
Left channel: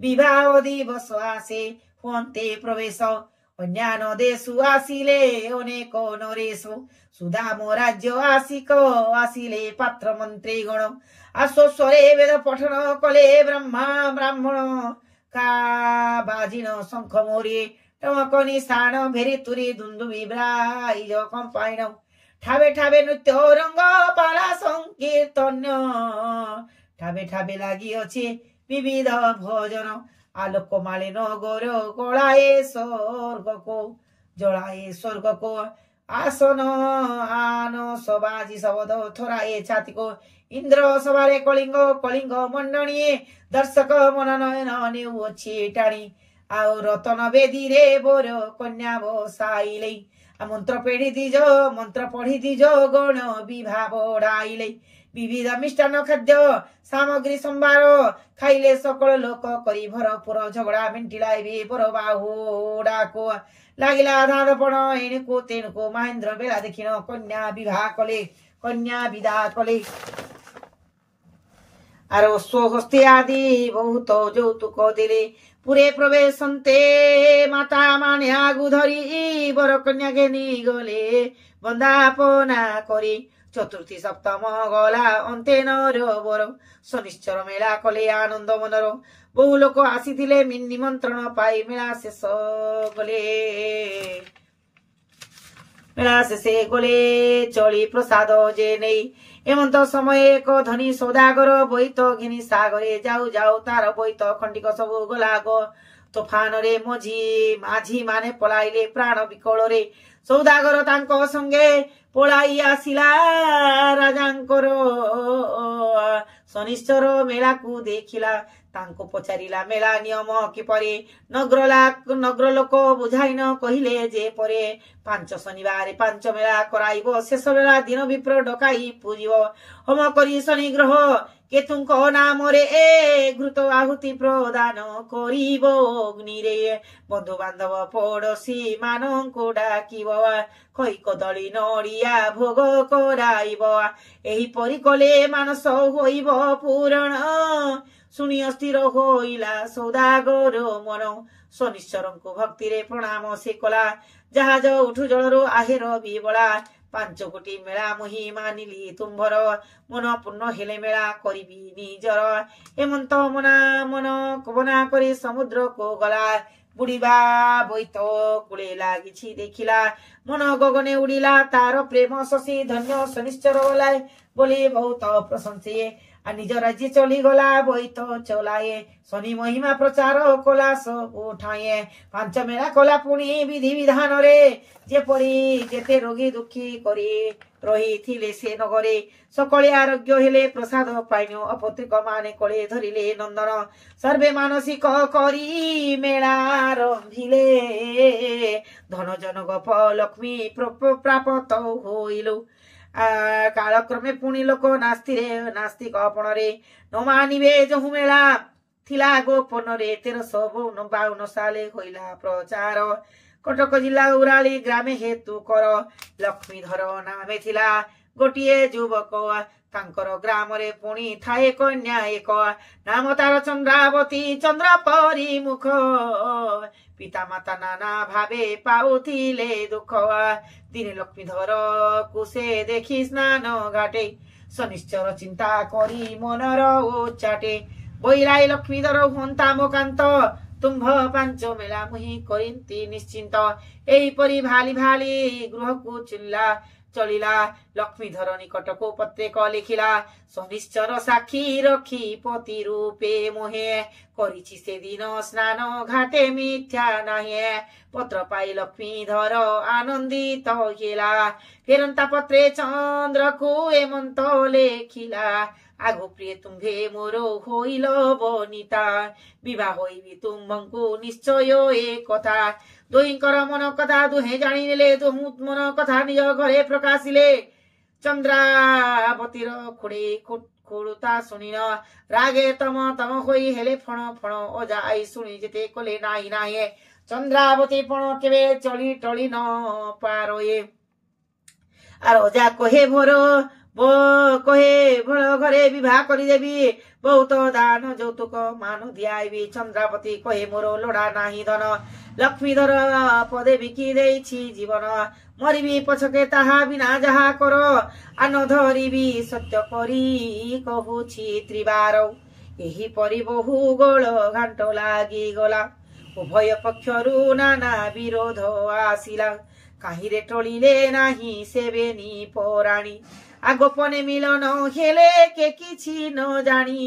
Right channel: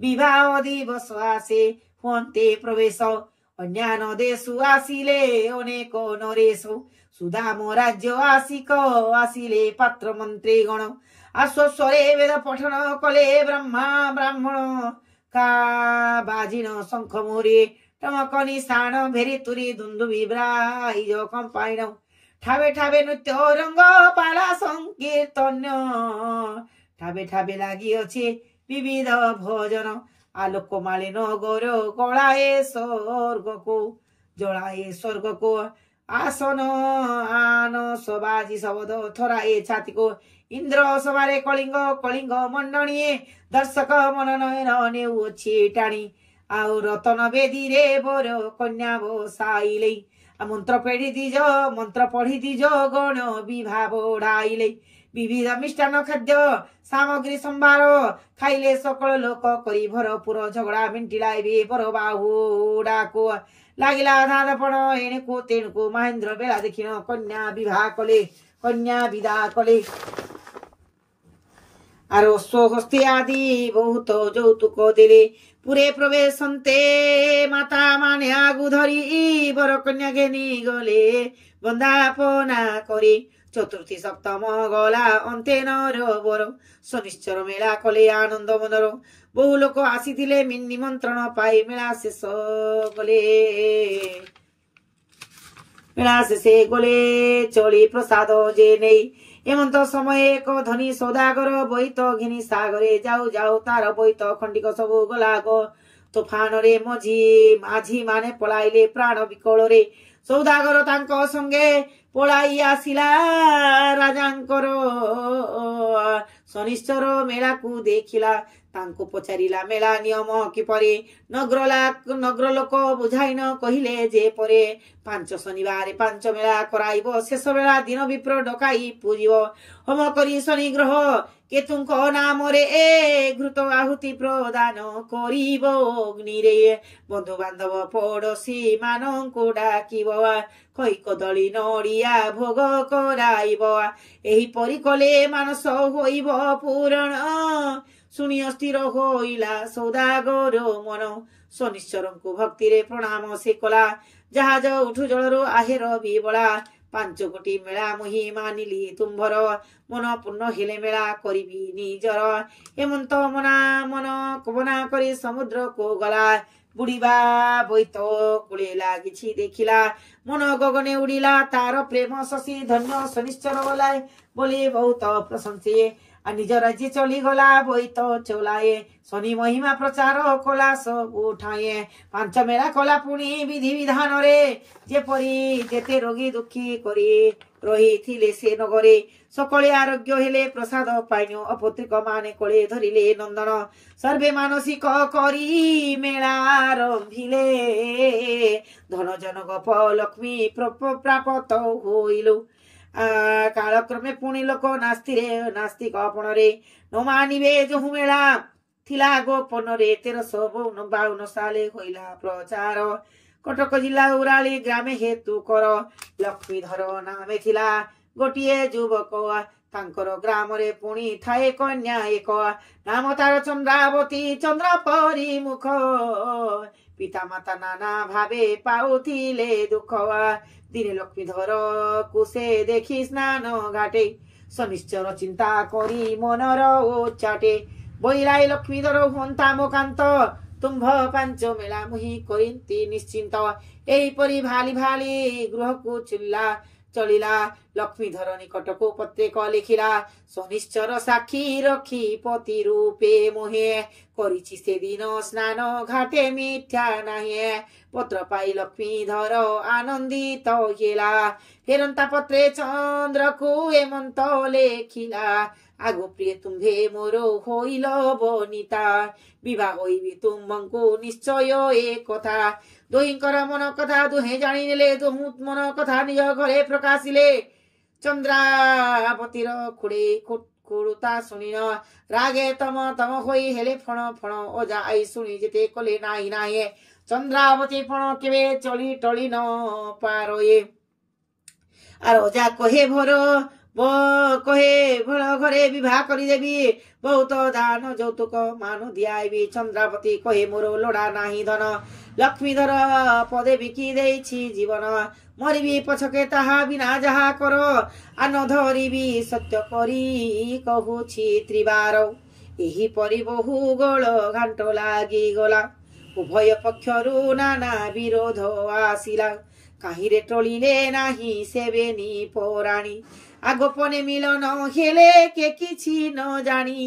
ବିବାହ ଦିବସ ଆସେ ହୁଅନ୍ତେ ପ୍ରବେଶ ଅନ୍ୟାନ୍ୟ ଦେଶୁ ଆସିଲେ ଅନେକ ନରେଶ ସୁଦାମ ରାଜ୍ୟ ଆସିଲେ ପାତ୍ର ମନ୍ତ୍ରୀ ଗଣ ଆଶ୍ୱସ୍ୱରେ ବେଦ ପଠନ କଲେ ବ୍ରାହ୍ମଣ କା ବାଜିଣ ଶଙ୍ଖ ମୋରେ ଟମକନି ସାଣ ଭେରି ତୁରି ଧୁନ୍ଦୁବି ବ୍ରାଇଜ କମ୍ପାଇଣ ଠାବେ ଠାବେ ନୃତ୍ୟ ରଙ୍ଗ ପାଲା ସଂକୀର୍ତ୍ତନ୍ୟ ଠାବେ ଠାବେ ଲାଗିଅଛି ବିବିଧ ଭୋଜନ ଆଲୋକ ମାଳିନ ଗୋର କଳାଏ ସ୍ୱର୍ଗକୁ ଜଳାଏ ସ୍ୱର୍ଗକୁ ଆସନ ଆନ ସବାଜି ଶବଦ ଥରାଏ ଛାତିକୁ ଇନ୍ଦ୍ର ସଭାରେ କଳିଙ୍ଗ କଳିଙ୍ଗ ମଣ୍ଡଣୀଏ ଦର୍ଶକ ମନନୟନ ନେଉଅଛି ଟାଣି ଆଉ ରତନ ବେଦୀରେ ବୋର କନ୍ୟା ବସାଇଲେ ମନ୍ତ୍ର ପଢି ଦିଜ ଗଣ ବିଭା ବଢାଇଲେ ବିବିଧ ମିଷ୍ଟାନ୍ନ ଖାଦ୍ୟ ସାମଗ୍ରୀ ସମ୍ଭାର ଖାଇଲେ ସକଳ ଲୋକ କରି ଭରପୁର ଝଗଡ଼ା ମେଣ୍ଟିଲା ଏବେ ପର ବାହୁଡାକୁ ଲାଗିଲା ଧାଁଦପଣ ଏଣେକୁ ତେଣୁକୁ ମହେନ୍ଦ୍ର ବେଳା ଦେଖିଣ କନ୍ୟା ବିବାହ କଲେ କନ୍ୟା ବିଦା କଲେ আর অশ্বহস্তে আদি বহুত যৌতুক দিলে পুরে প্রবেশন্তে মাতা মানে আগু ধরি বর কন্যা ঘেনি গলে বন্দাপনা করে চতুর্থী সপ্তম গলা অন্তে নর বর শনিশ্চর মেলা কলে আনন্দ মনর বহু লোক আসিলে নিমন্ত্রণ পাই মেলা শেষ গলে মেলা শেষে গলে চলি প্রসাদ যে নেই এমন্ত সময়ে এক ধনী সৌদাগর বৈত ঘিনি সাগরে যাও যাও তার বৈত খণ্ডিক সবু গলা গো তোফানরে মাঝি মানে পলাইলে প্রাণ বিকଳରେ সৌদাগর তাঙ্ক সঙ্গে পলাই আসিলা রাজাঙ্কর শনিশ্চর মেলাକୁ ଦେଖିଲା ତାଙ୍କୁ ପଚାରିଲା ମେଳା ନିୟମ କିପରି ନଗ୍ର ଲୋକ ବୁଝାଇନ କହିଲେ ଯେ ପରେ 5 ଶନିବାର 5 ମେଳା କରାଇବ ଶେଷ ବେଳା ଦିନ ବିପ୍ର ଡକାଇ ପୂଜିବ ହୋମ କରି ଶନି ଗ୍ରହ କେତୁଙ୍କ ନାମରେ ଘୃତ ଆହୁତି ପ୍ରଦାନ କରିବ ଅଗ୍ନିରେ ବନ୍ଧୁ ବାନ୍ଧବ ପଡୋଶୀ ମାନଙ୍କୁ ଡାକିବ ଖଇ କଦଳୀ ନଡ଼ିଆ ଭୋଗ କରାଇବ ଏହିପରି କଲେ ମାନସ ହୋଇବ ପୂରଣ ଶୁଣି ଅସ୍ଥିର ହୋଇଲା ସୌଦାଗର ମନ ଶନିଶ୍ଚରଙ୍କୁ ଭକ୍ତିରେ ପ୍ରଣାମ ସେ କଲା ଜାହାଜ ଉଠୁ ଜଳରୁ ଆହେର ବିବଳା 5 କୋଟି ମେଳା ମୁହିଁ ମାନିଲି ତୁମ୍ଭର ମନ ପୂର୍ଣ୍ଣ ହେଲେ ମେଳା କରିବି ନିଜର ହେମନ୍ତ ମନା କରି ସମୁଦ୍ରକୁ ଗଲା ବୁଡ଼ିବା ବୋଇତ କୂଳେ ଲାଗିଛି ଦେଖିଲା ମନ ଗଗନେ ଉଡ଼ିଲା ତାର ପ୍ରେମ ଶଶୀ ଧନ୍ୟ ଶନିଶ୍ଚର ବଲାଏ ବୋଲି ବହୁତ ପ୍ରଶଂସିଏ ନିଜ ରାଜ୍ୟ ଚଲିଗଲା ବୋଇତ ଚଲାଏ ଶନି ମହିମା ପ୍ରଚାର କଲା ସବୁ ଠାଏ 5 ମେଳା କଲା ପୁଣି ବିଧି ବିଧାନରେ ଯେପରି ଯେତେ ରୋଗୀ ଦୁଃଖୀ କରି ରହିଥିଲେ ସେ ନଗରେ ସକଳେ ଆରୋଗ୍ୟ ହେଲେ ପ୍ରସାଦ ପାଇନ ଅପତ୍ରିକ ମାନେ କୋଳେ ଧରିଲେ ନନ୍ଦନ ସର୍ବେ ମାନସିକ କରି ମେଳା ରମ୍ଭିଲେ ଧନ ଜନକ ଲକ୍ଷ୍ମୀ ପ୍ରାପତ ହୋଇଲୁ କାଳକ୍ରମେ ପୁଣି ଲୋକ ନାସ୍ତିକ ଅପଣରେ ନ ମାନିବେ ଯହୁ ମେଳା ଥିଲା ଗୋପନରେ 1352 ସାଲେ ହୋଇଲା ପ୍ରଚାର କଟକ ଜିଲ୍ଲା ଉରାଳି ଗ୍ରାମେ ହେତୁ କର ଲକ୍ଷ୍ମୀଧର ନାମେ ଥିଲା ଗୋଟିଏ ଯୁବକ ତାଙ୍କର ଗ୍ରାମରେ ପୁଣି ଥାଏ କନ୍ୟା ଏକ ନାମ ତାର ଚନ୍ଦ୍ରାବତୀ ଚନ୍ଦ୍ର ପରି ମୁଖ ପିତା ମାତା ନାନା ଭାବେ ପାଉଥିଲେ ଦୁଃଖ ଦିନେ ଲକ୍ଷ୍ମୀଧର କୁ ସେ ଦେଖି ସ୍ନାନ ଘାଟେ ଶନିଶ୍ଚର ଚିନ୍ତା କରି ମନର ଓଚାଟେ ବୈରାଇ ଲକ୍ଷ୍ମୀଧର ହୁଅନ୍ତା ମୋକାନ୍ତ ତୁମ୍ଭ 5 ମେଳା ମୁହିଁ କରିନ୍ତି ନିଶ୍ଚିନ୍ତ ଏହିପରି ଭାଲି ଭାଲି ଗୃହକୁ ଚଳିଲା ଲକ୍ଷ୍ମୀଧର ନିକଟକୁ ପତ୍ରିକ ଲେଖିଲା ଶନିଶ୍ଚର ସାକ୍ଷୀ ରଖି ପତି ରୂପେ ମୋହେ କରିଛି ସେଦିନ ସ୍ନାନ ଘାଟେ ମିଥ୍ୟା ନାହିଁ ପତ୍ର ପାଇ ଲକ୍ଷ୍ମୀଧର ଆନନ୍ଦିତ ହେଲା ଫେରନ୍ତା ପତ୍ରେ ଚନ୍ଦ୍ରକୁ ଏମନ୍ତ ଲେଖିଲା ଆଗ ପ୍ରିୟ ତୁମ୍ଭେ ମୋର ହୋଇଲ ବନିତା ବିବାହ ହୋଇବି ତୁମ୍ଭଙ୍କୁ ନିଶ୍ଚୟ ଏ କଥା ଦୁହିଁଙ୍କର ମନ କଥା ଦୁହେଁ ଜାଣିନେଲେ ମନ କଥା ନିଜ ଘରେ ପ୍ରକାଶିଲେ ଚନ୍ଦ୍ରାବତୀର ଖୁଡୁତା ଶୁଣିନ ରାଗେ ତମ ହୋଇ ହେଲେ ଫଣ ଅଜା ଆଇ ଶୁଣି ଯେତେ କଲେ ନାହିଁ ଚନ୍ଦ୍ରାବତୀ ଫଣ କେବେ ଚଳି ଟଳି ନ ପାରୋଏ আর অজা কহে ভর ঘরে বিবাহ করিদেবি বহুত দান যৌতুক মান দিয়াইবি চন্দ্রাবতী কহে মোর লোড়া নাহি ধন লক্ষ্মীধর পদে বিকি দেইছি জীবন মরিবি পছকে তাহা বিনা যাহা কর আন ধরিবি সত্য করি কহুছি ত্রিবার এহিপরি বহু গোল ঘাণ্ট লাগি গলা ଉଭୟ ପକ୍ଷରୁ ନାନା ବିରୋଧ ଆସିଲା କାହିଁରେ ଟଳିଲେ ନାହିଁ ସେବେନି ପରାଣୀ ଗୋପନେ ମିଳନ ହେଲେ କେ କିଛି ନ ଜାଣି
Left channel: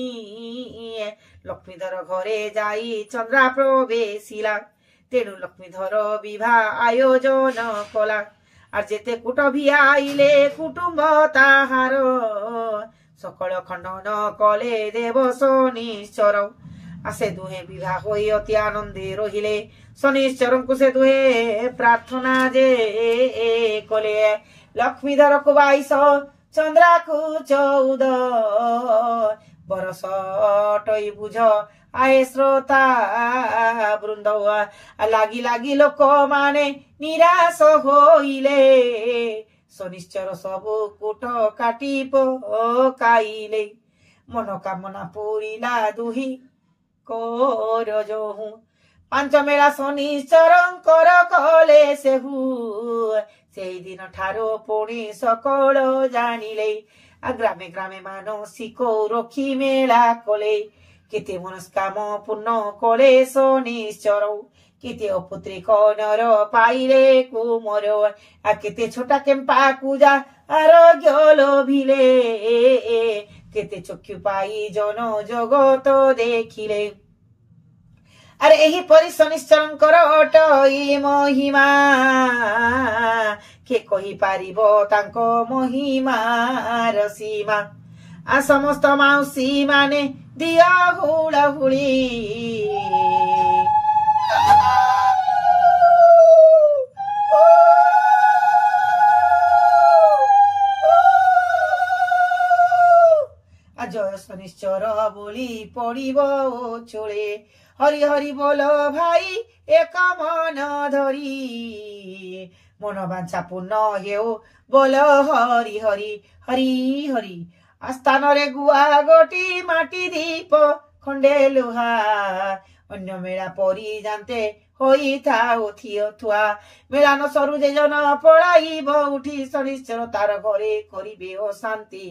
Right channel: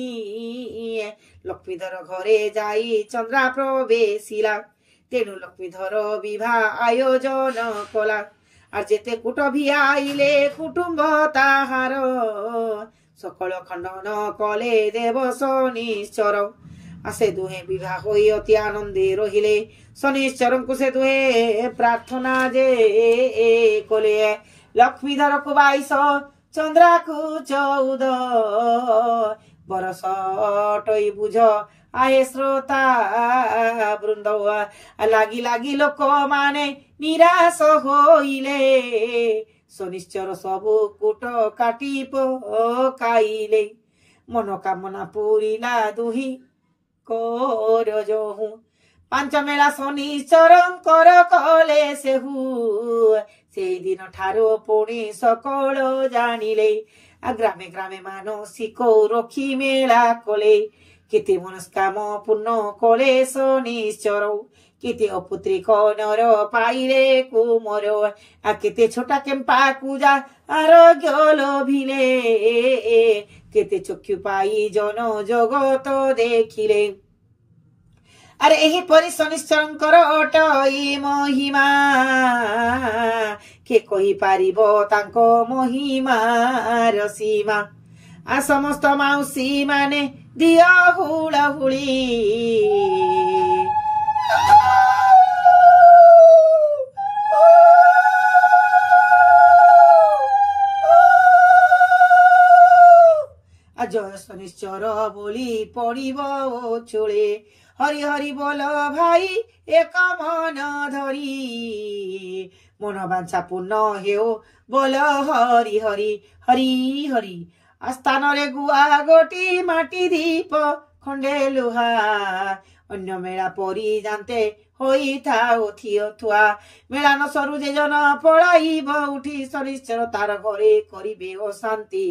ଲକ୍ଷ୍ମୀଧର ଘରେ ଯାଇ ଚନ୍ଦ୍ରା ପ୍ରବେଶିଲା ତେଣୁ ଲକ୍ଷ୍ମୀଧର ବିବାହ ଆୟୋଜନ କଲା আর যেতে কুটভি আইলে কুটুম্ব তাহার সকল খণ্ডন কলে দেব শনিশ্চর আসে দুহে বিবাহ হই অতি আনন্দে রহিলে শনিশ্চরଙ୍କୁ সে দুহে প্রার্থনা যে কলে লক্ষ্মীধরକୁ 22 চন্দ্রাকু 14 বরস টই বুঝ আয়ে শ্রোতা বৃন্দ লাগি লাগি লোক মানে নিরাশ হইলে শনিশ্চর সবু কুট কাটি পকাইলে মনোকামনা পুরিলা দুহি কর যোহু ପାଞ୍ଚ ମେଳା ଶନିଶ୍ଚରଙ୍କର କଲେ ସେହୁ ସେଇଦିନ ଠାରୁ ପୁଣି ସକଳ ଜାଣିଲେ ଗ୍ରାମେ ଗ୍ରାମେ ମାନସିକ ରଖି ମେଳା କଲେ କେତେ ମନସ୍କାମ ପୂର୍ଣ୍ଣ କଲେ ଶନିଶ୍ଚର କେତେ ଅପୁତ୍ରିକ ନର ପାଇଲେ କୁମର କେତେ ଛୋଟା କେମ୍ପା ପୂଜା ଆରୋଗ୍ୟ ଲୋଭିଲେ କେତେ ଚକ୍ଷୁ ପାଇ ଜନ ଜଗତ ଦେଖିଲେ আরে এহিপরি শনিশ্চরଙ୍କର অটই মহিমা কে কহি পারিব তাଙ୍କ মহিমার সীমা সমস্ত মাউসী মানে দিଅ হুড়হুড়ি জয় শনিশ্চর বলি পড়িব চোড়ে হরি হরি বল ভাই এক মন ধরি মনোবাঞ্ছা পূর্ণ হেউ বল হরি হরি হরি হরি আস্থানরে গুয়া গোটি মাটি দীপ খন্ডে লুহা অন্য মেলা পরি জানতে হইথাও থিও থুয়া মেলান সরু যে জন পড়াইব উঠি শনিশ্চর তার ঘরে করিবে ও শান্তি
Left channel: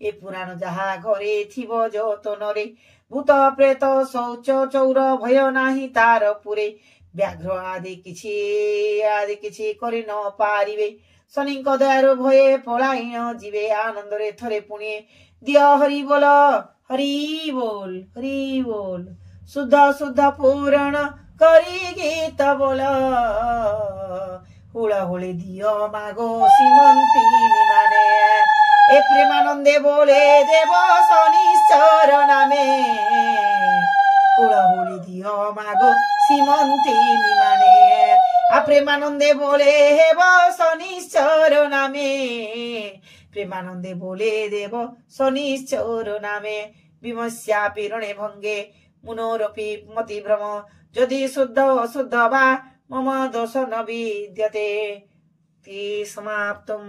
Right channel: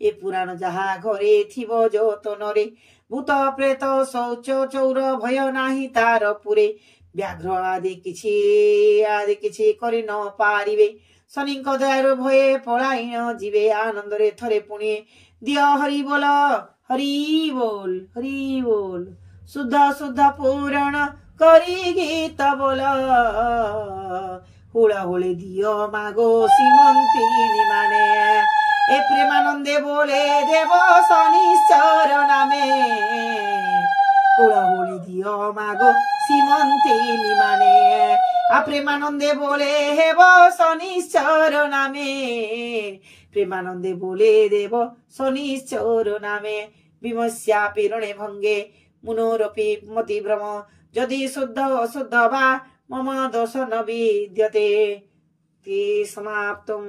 এ পুরাণ যাহা ঘরে থিব যতনরে ভূত প্রেত শৌচ চৌর ভয় নাহি তার পুরে ব্যাঘ্র আদি কিছু କରି ନ ପାରିବେ ଶନିଙ୍କ ଦୟାରୁ ଭଏ ପଳାଇ ନ ଯିବେ ଆନନ୍ଦରେ ଥରେ ପୁଣି ଦିଅ ହରି ବୋଲ ହରି ବୋଲ ହରି ବୋଲ ଶୁଦ୍ଧ ଶୁଦ୍ଧ ପୁରାଣ କରି ଗୀତ ବୋଲ ହୁଳହୁଳି ଦିଅ ମାଗো সীমন্তী নিমানে এ প্রেমানন্দে বলে দেব শনিশ্চর নামে হুড়হুড়ি দিও মাগো সীমন্তী নিমানে প্রেমানন্দে বলে হেব শনিশ্চর নামে প্রেমানন্দে বলে দেব শনিশ্চর নামে বিমস্যা পীড়নে ভঙ্গে মুনুরপি মতি ভ্রম যদি শুদ্ধ অশুদ্ধ বা মম দোষ ন বিদ্যতে সমাপ্তম।